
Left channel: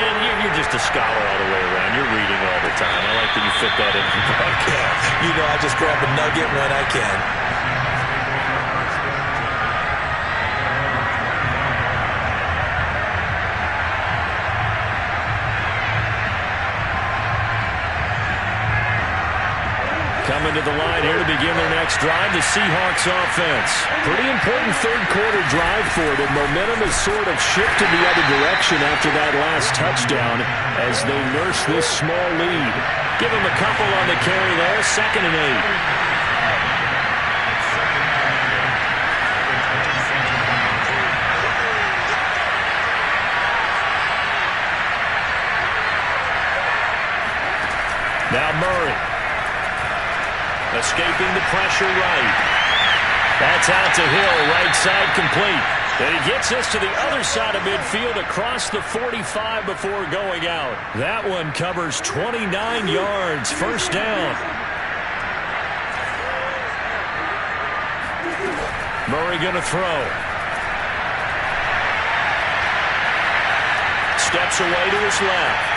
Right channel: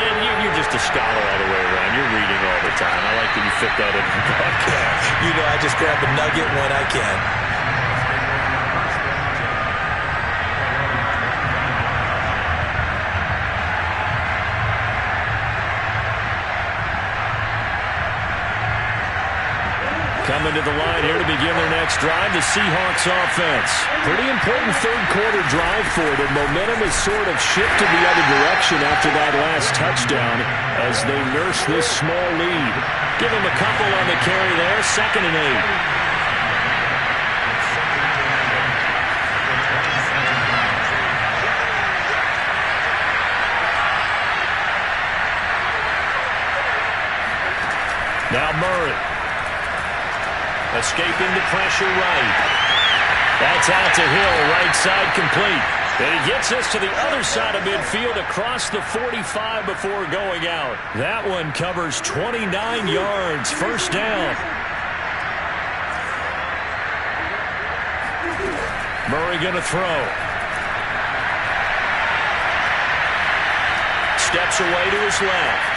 And you're just a scholar all the way around. You're reading all the time. I like that you fit that into the broadcast. You know, I just grab a nugget when I can. Coming to the line here to begin their next drive, the Seahawks offense. Pretty important third-quarter drive for them. Momentum has sort of shifted the other direction after that last touchdown as they nurse this small lead. Give them a couple on the carry there, 2nd and 8. Now Murray. Escaping the pressure right. That's out to Hill, right side complete. And he gets us to the other side of midfield across the 45 before going out. That one covers 29 yards, first down. Murray going to throw. Steps away to his left.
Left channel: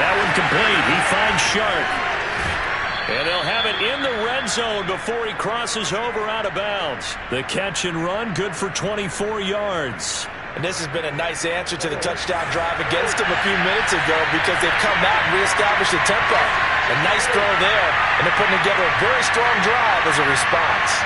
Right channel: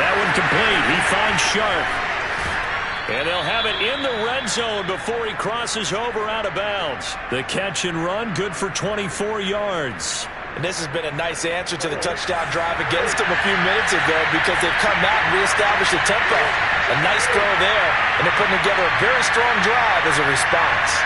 That one complete. He finds Sharp. And they'll have it in the red zone before he crosses over out of bounds. The catch and run, good for 24 yards. And this has been a nice answer to the touchdown drive against them a few minutes ago because they've come out and reestablished the tempo. A nice throw there, and they're putting together a very strong drive as a response.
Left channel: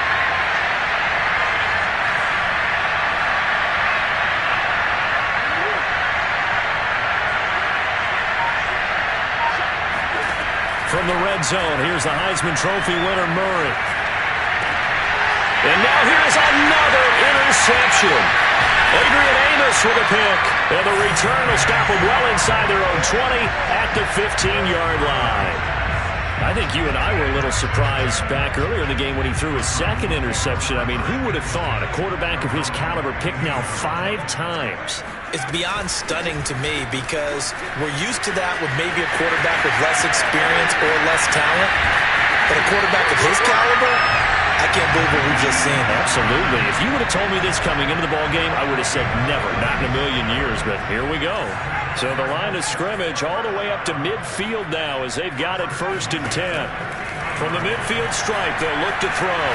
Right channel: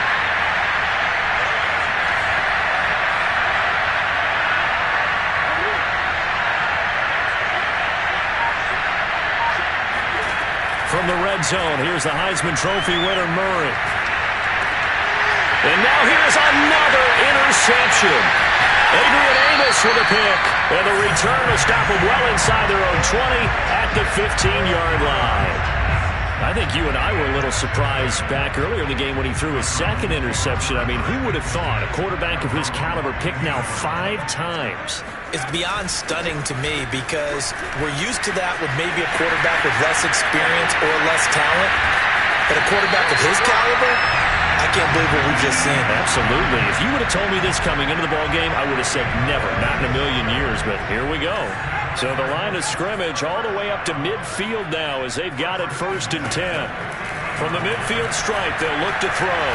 From the red zone, here's the Heisman Trophy winner, Murray. And now here's another interception. Adrian Amos with a pick. And the return will stop them well inside their own 20 at the 15-yard line. I think you and I were a little surprised back earlier in the game when he threw his second interception. I mean, who would have thought a quarterback of his caliber picked now 5 times? It's beyond stunning to me because we're used to that with maybe a quarterback with less experience or less talent. But a quarterback of his caliber, I can't believe what we've just seen. Absolutely. If you would have told me this coming into the ballgame, I would have said never, not in a million years. But here we go. So the line of scrimmage all the way up to midfield now as they've got it 1st and 10. From the midfield stripe, they'll look to throw.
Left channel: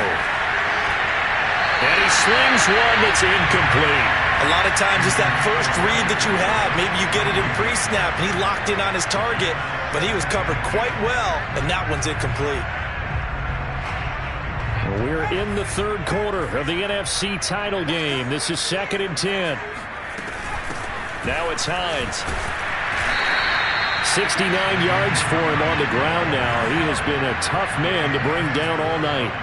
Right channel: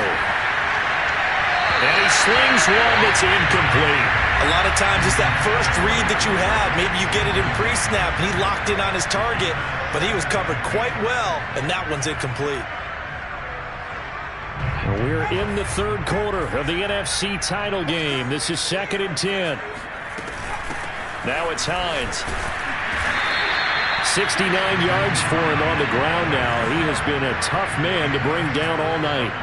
And he slings one that's incomplete. A lot of times it's that first read that you have. Maybe you get it in pre-snap, and he locked in on his target, but he was covered quite well, and that one's incomplete. We're in the 3rd quarter of the NFC title game. This is 2nd and 10. Now it's Hines. 69 yards for him on the ground now. He has been a tough man to bring down all night.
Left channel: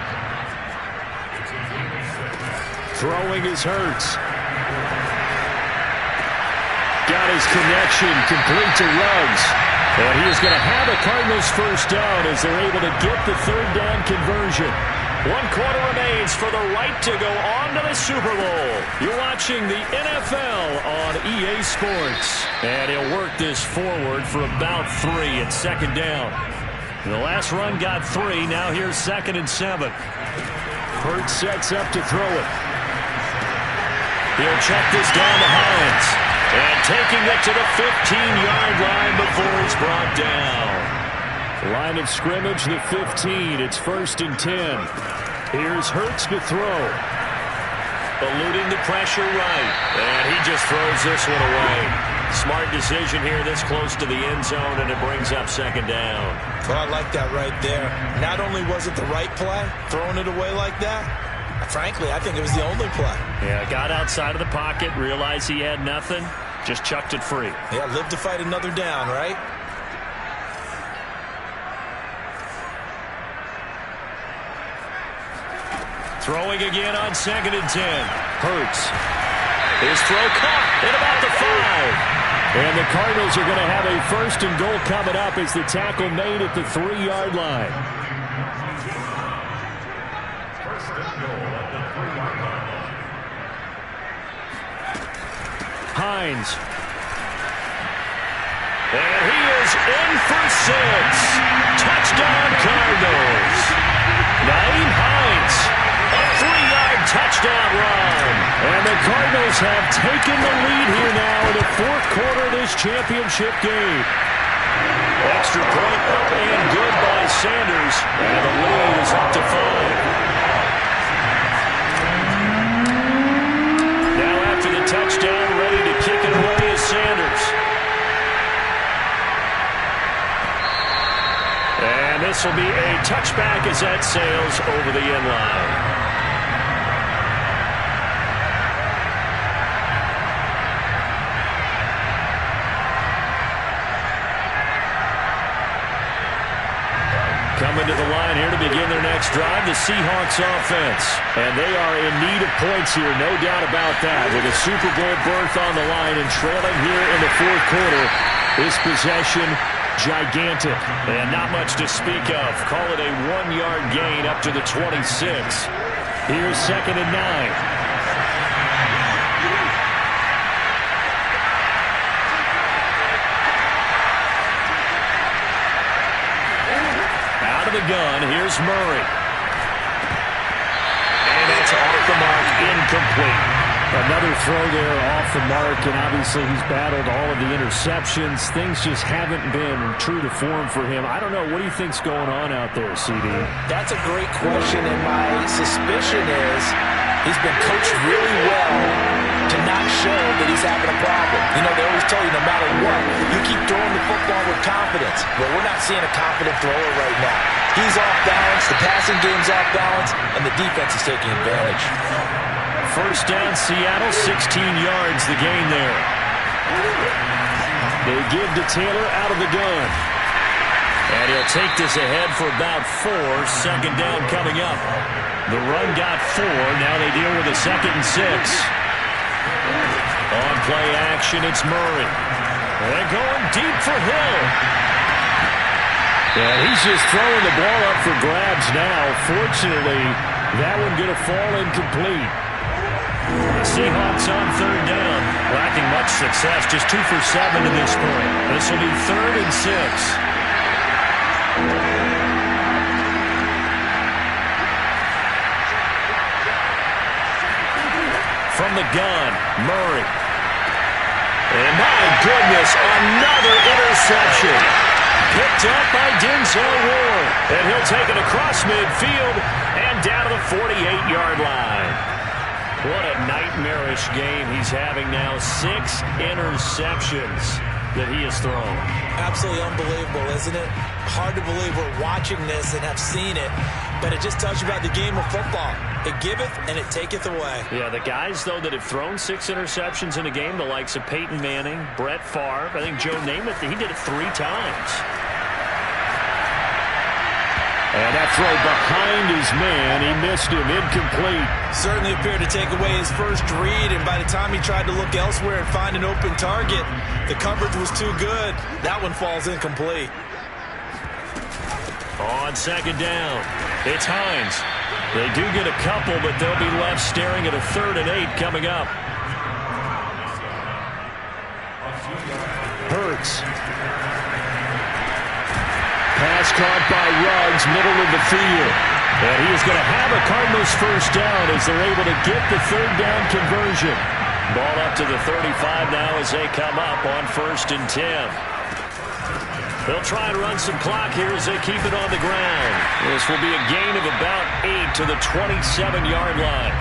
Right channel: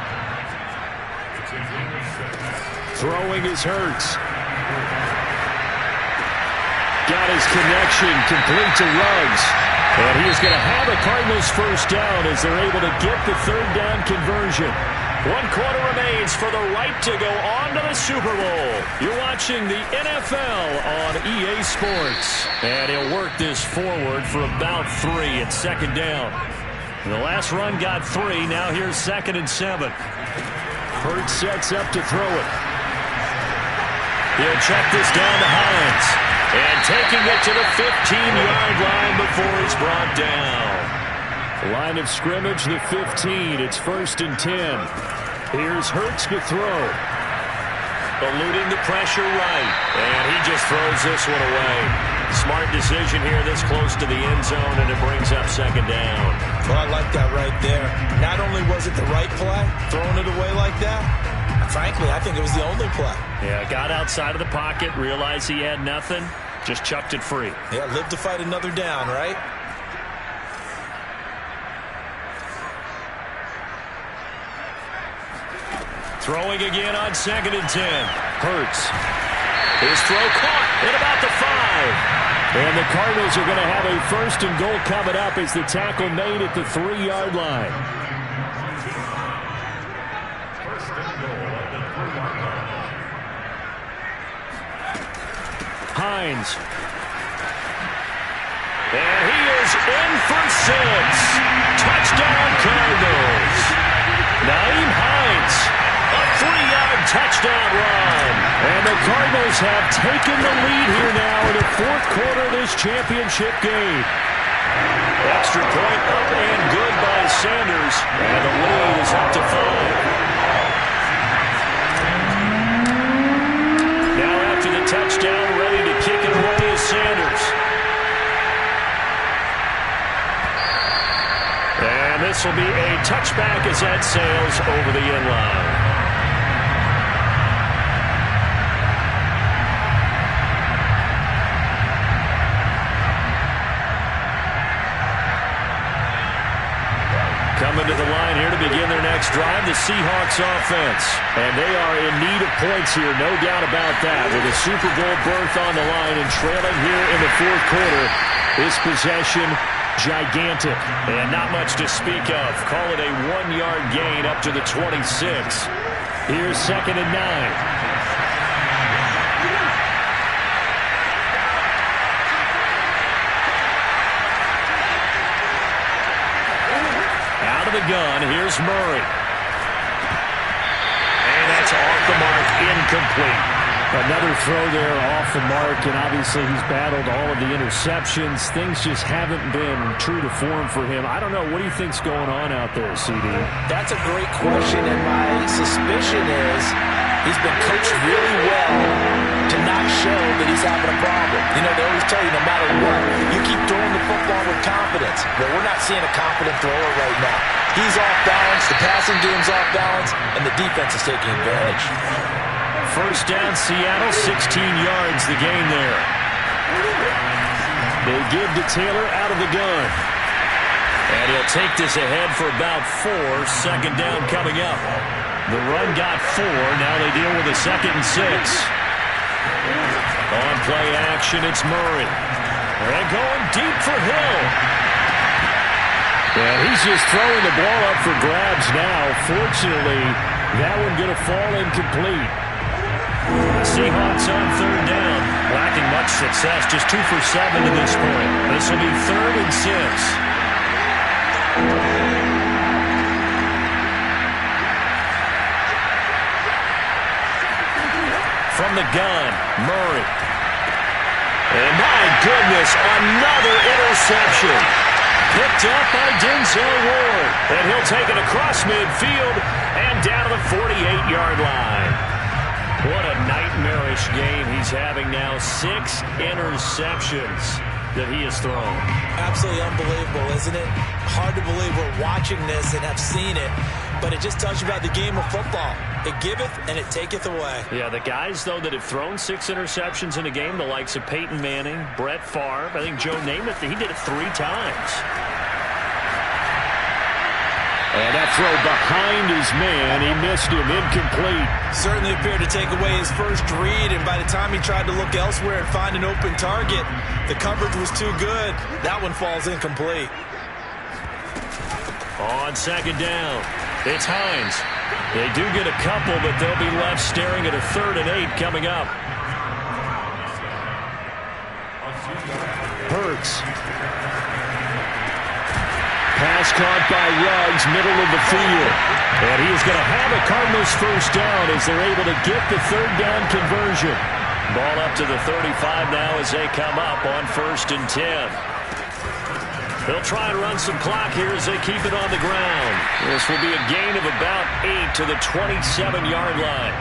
Throwing is Hurts. Got his connection complete to Ruggs. And he is going to have a Cardinals first down as they're able to get the 3rd down conversion. 1 quarter remains for the right to go on to the Super Bowl. You're watching the NFL on EA Sports. And he'll work this forward for about 3 at 2nd down. The last run got 3. Now here's 2nd and 7. Hurts sets up to throw it. He'll check this down to Hines. And taking it to the 15-yard line before he's brought down. Line of scrimmage, the 15. It's 1st and 10. Here's Hurts to throw. Eluding the pressure right. And he just throws this one away. Smart decision here this close to the end zone, and it brings up second down. Well, I like that right there. Not only was it the right play, throwing it away like that, frankly, I think it was the only play. Yeah, got outside of the pocket, realized he had nothing, just chucked it free. Yeah, live to fight another down, right? Throwing again on 2nd and 10. Hurts. His throw caught at about the 5. And the Cardinals are going to have a 1st and goal coming up as the tackle made at the 3-yard line. 1st and goal at the 3-yard line. Hines. And he is in for 6. Touchdown Cardinals. Nyheim Hines. A 3-yard touchdown run. And the Cardinals have taken the lead here now in the 4th quarter of this championship game. Extra point up and good by Sanders. And the lead is up to 5. Now after the touchdown, ready to kick it away is Sanders. And this will be a touchback as that sails over the end line. Coming to the line here to begin their next drive, the Seahawks offense. And they are in need of points here, no doubt about that. With a Super Bowl berth on the line and trailing here in the 4th quarter, this possession gigantic. And not much to speak of. Call it a 1-yard gain up to the 26. Here's 2nd and 9. Out of the gun, here's Murray. And that's off the mark, incomplete. Another throw there off the mark, and obviously he's battled all of the interceptions. Things just haven't been true to form for him. I don't know. What do you think's going on out there, CD? That's a great question, and my suspicion is he's been coached really well to not show that he's having a problem. You know, they always tell you no matter what, you keep throwing the football with confidence. But we're not seeing a confident thrower right now. He's off balance, the passing game's off balance, and the defense is taking advantage. 1st down, Seattle, 16 yards the gain there. They give to Taylor out of the gun. And he'll take this ahead for about 4. 2nd down coming up. The run got 4. Now they deal with a 2nd and 6. On play action, it's Murray. And going deep for Hill. And he's just throwing the ball up for grabs now. Fortunately, that one going to fall incomplete. The Seahawks on 3rd down. Lacking much success. Just 2 for 7 to this point. This will be 3rd and 6. From the gun, Murray. And my goodness, another interception. Picked up by Denzel Ward. And he'll take it across midfield and down to the 48-yard line. What a nightmarish game he's having now. 6 interceptions that he has thrown. Absolutely unbelievable, isn't it? Hard to believe we're watching this and have seen it, but it just tells you about the game of football. It giveth and it taketh away. Yeah, the guys, though, that have thrown 6 interceptions in a game, the likes of Peyton Manning, Brett Favre, I think Joe Namath, he did it 3 times. And that throw behind his man, he missed him, incomplete. Certainly appeared to take away his first read, and by the time he tried to look elsewhere and find an open target, the coverage was too good. That one falls incomplete. On 2nd down, it's Hines. They do get a couple, but they'll be left staring at a 3rd and 8 coming up. Hurts. Pass caught by Ruggs, middle of the field. And he is going to have a Cardinals 1st down as they're able to get the 3rd down conversion. Ball up to the 35 now as they come up on 1st and 10. They'll try and run some clock here as they keep it on the ground. This will be a gain of about 8 to the 27-yard line.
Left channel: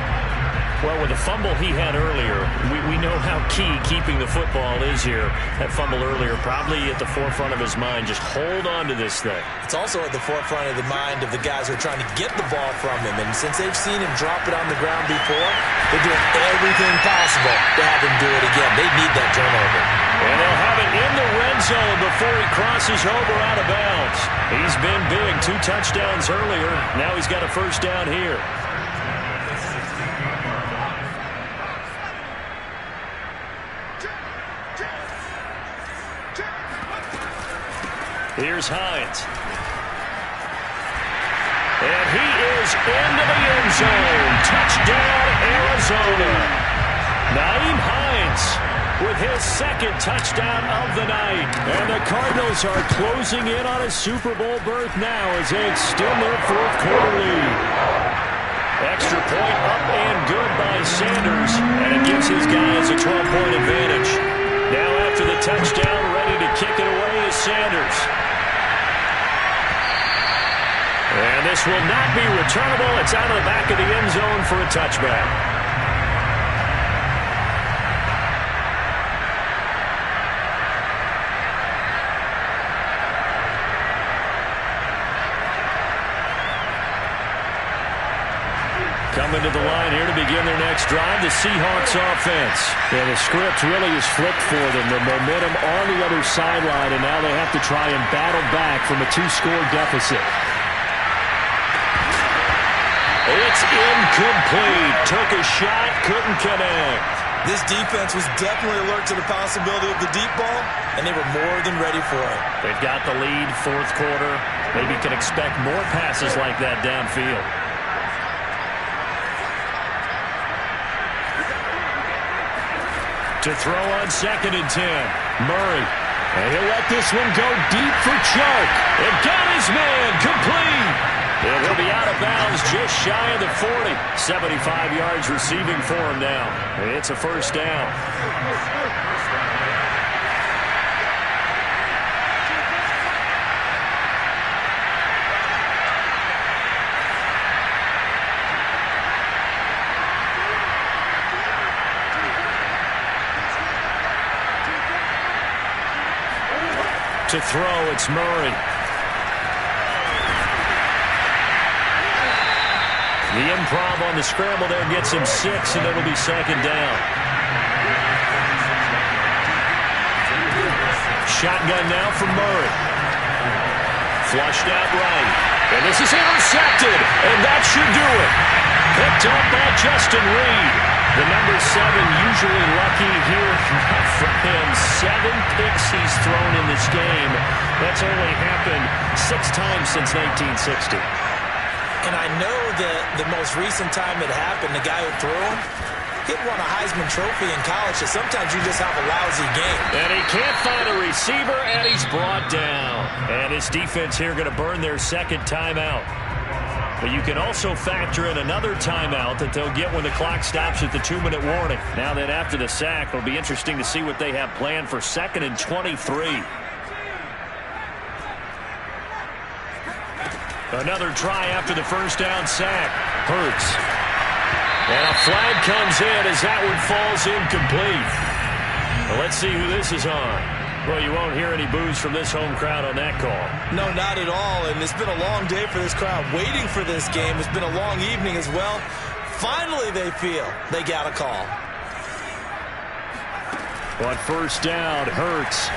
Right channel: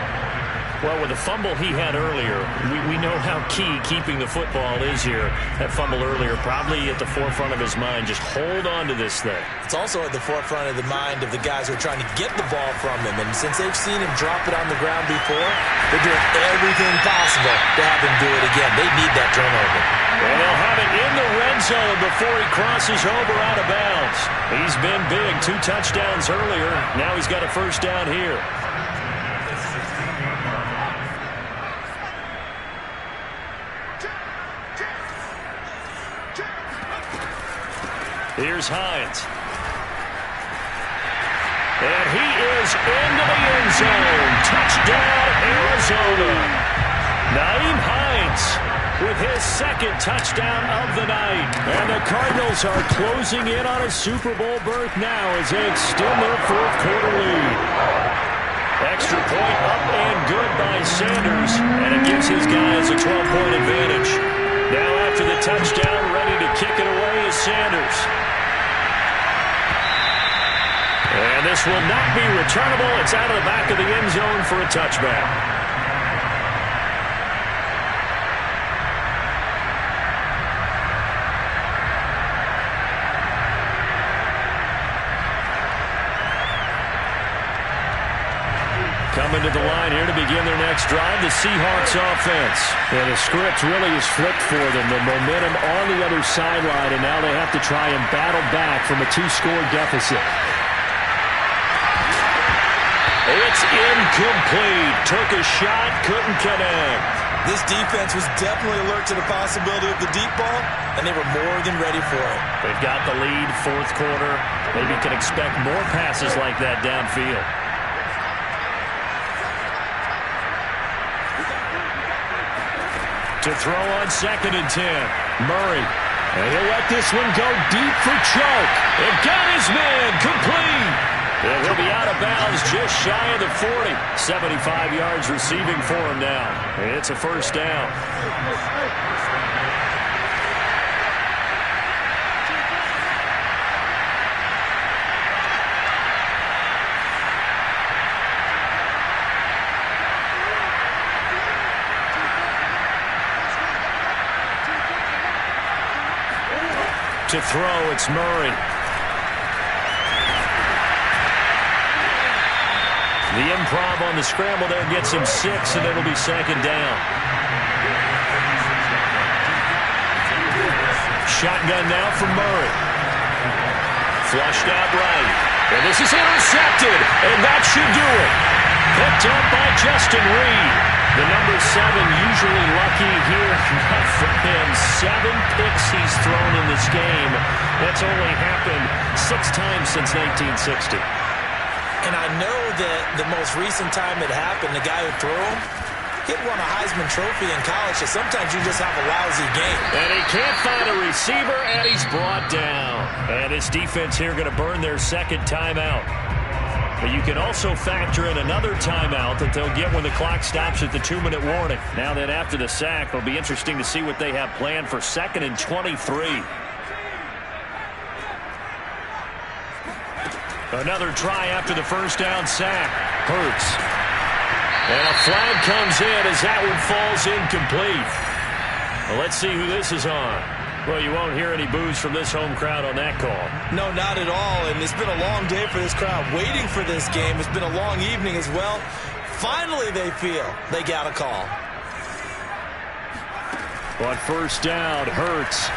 Well, with the fumble he had earlier, we know how key keeping the football is here. That fumble earlier probably at the forefront of his mind. Just hold on to this thing. It's also at the forefront of the mind of the guys who are trying to get the ball from him. And since they've seen him drop it on the ground before, they're doing everything possible to have him do it again. They need that turnover. And they'll have it in the red zone before he crosses over out of bounds. He's been big. 2 touchdowns earlier. Now he's got a first down here. Here's Hines. And he is into the end zone. Touchdown, Arizona. Nyheim Hines with his second touchdown of the night. And the Cardinals are closing in on a Super Bowl berth now as they extend their fourth quarter lead. Extra point up and good by Sanders. And it gives his guys a 12-point advantage. Now after the touchdown, ready to kick it away is Sanders. And this will not be returnable. It's out of the back of the end zone for a touchback. Coming to the line here to begin their next drive, the Seahawks offense. And the script really is flipped for them. The momentum on the other sideline, and now they have to try and battle back from a 2-score deficit. It's incomplete. Took a shot, couldn't connect. This defense was definitely alert to the possibility of the deep ball, and they were more than ready for it. They've got the lead, fourth quarter. Maybe can expect more passes like that downfield. To throw on 2nd and 10. Murray. And he'll let this one go deep for Chark. It got his man complete. And he'll be out of bounds just shy of the 40. 75 yards receiving for him now. It's a first down. To throw, it's Murray. The improv on the scramble there gets him 6, and it'll be 2nd down. Shotgun now from Murray. Flushed out right. And this is intercepted, and that should do it. Picked up by Justin Reed. The number 7 usually lucky here. Not for him. 7 picks he's thrown in this game. That's only happened 6 times since 1960. And I know that the most recent time it happened, the guy who threw him, he won a Heisman Trophy in college, so sometimes you just have a lousy game. And he can't find a receiver, and he's brought down. And this defense here going to burn their second timeout. But you can also factor in another timeout that they'll get when the clock stops at the 2-minute warning. Now that after the sack, it'll be interesting to see what they have planned for 2nd and 23. Another try after the first down sack. Hurts. And a flag comes in as that one falls incomplete. Well, let's see who this is on. Well, you won't hear any boos from this home crowd on that call. No, not at all. And it's been a long day for this crowd waiting for this game. It's been a long evening as well. Finally, they feel they got a call. On first down, Hurts.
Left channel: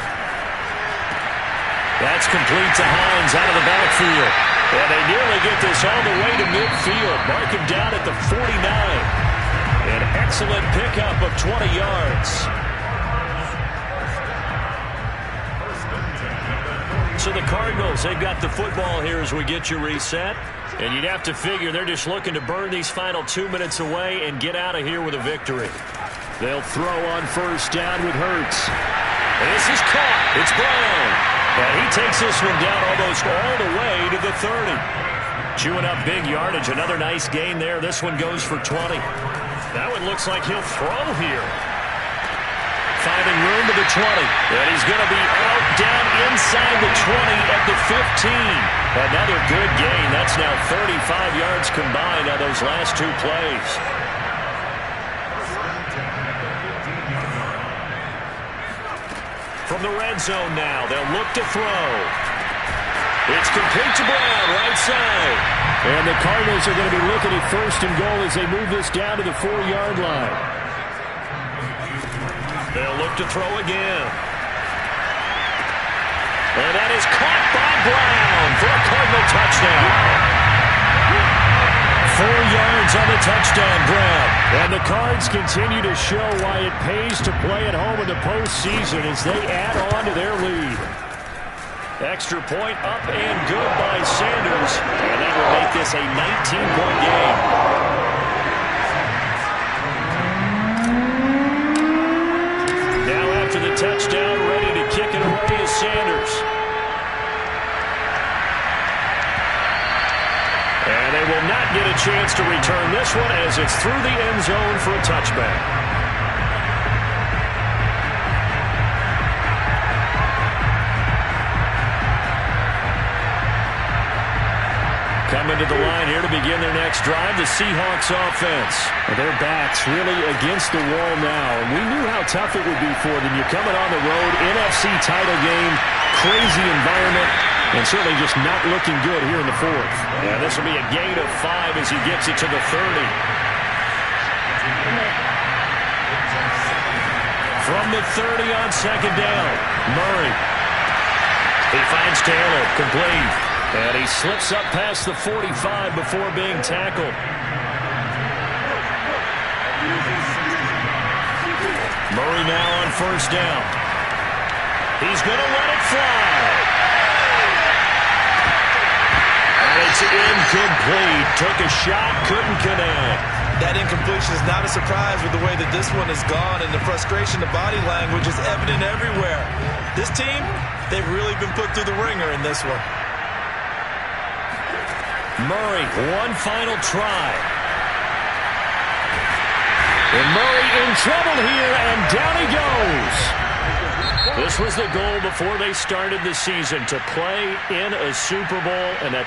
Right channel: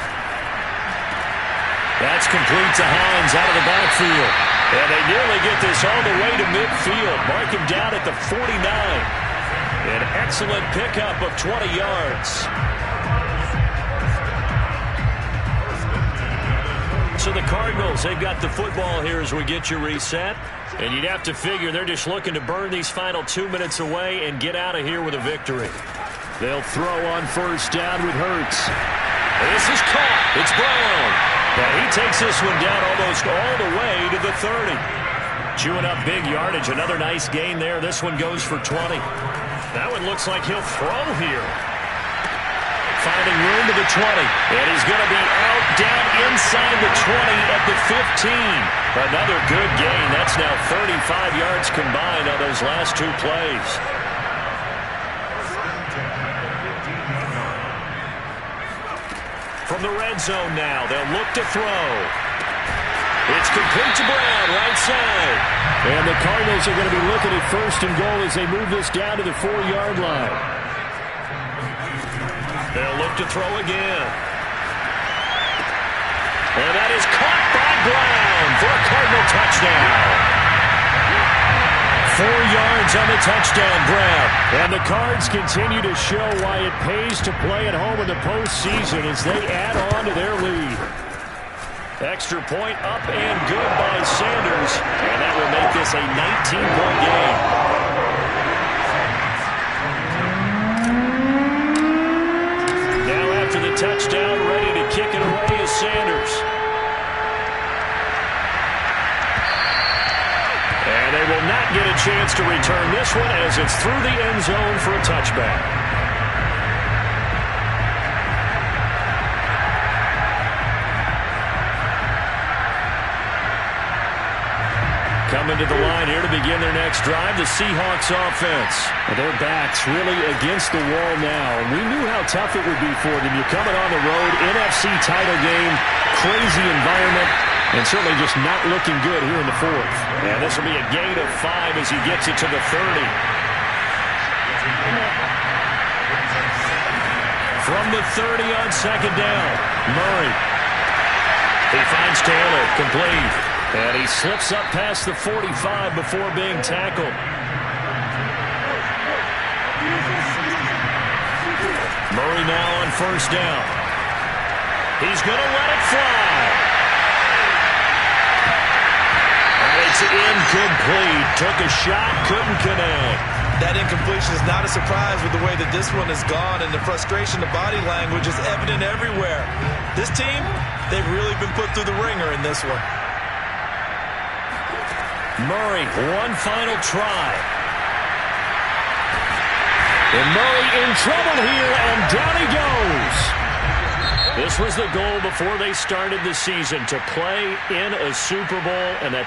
That's complete to Hines out of the backfield. And they nearly get this all the way to midfield. Mark him down at the 49. An excellent pickup of 20 yards. So the Cardinals, they've got the football here as we get you reset. And you'd have to figure they're just looking to burn these final 2 minutes away and get out of here with a victory. They'll throw on first down with Hurts. And this is caught. It's Brown. And he takes this one down almost all the way to the 30. Chewing up big yardage. Another nice gain there. This one goes for 20. That one looks like he'll throw here. Finding room to the 20. And he's going to be out down inside the 20 at the 15. Another good gain. That's now 35 yards combined on those last 2 plays. From the red zone now, they'll look to throw. It's complete to Brown, right side. And the Cardinals are going to be looking at 1st and goal as they move this down to the 4-yard line. They'll look to throw again. And that is caught by Brown for a Cardinal touchdown. 4 yards on the touchdown, Brown. And the Cards continue to show why it pays to play at home in the postseason as they add on to their lead. Extra point up and good by Sanders. And that will make this a 19-point game. Now after the touchdown, ready to kick it away is Sanders. And they will not get a chance to return this one as it's through the end zone for a touchback. Coming to the line here to begin their next drive, the Seahawks offense. Their backs really against the wall now, and we knew how tough it would be for them. You're coming on the road, NFC title game, crazy environment, and certainly just not looking good here in the 4th. Yeah, this will be a gain of 5 as he gets it to the 30. From the 30 on 2nd down, Murray. He finds Taylor, complete. And he slips up past the 45 before being tackled. Murray now on 1st down. He's going to let it fly. And it's incomplete. Took a shot, couldn't connect. That incompletion is not a surprise with the way that this one has gone, and the frustration, the body language is evident everywhere. This team, they've really been put through the ringer in this one. Murray, one final try. And Murray in trouble here, and down he goes. This was the goal before they started the season, to play in a Super Bowl, and that's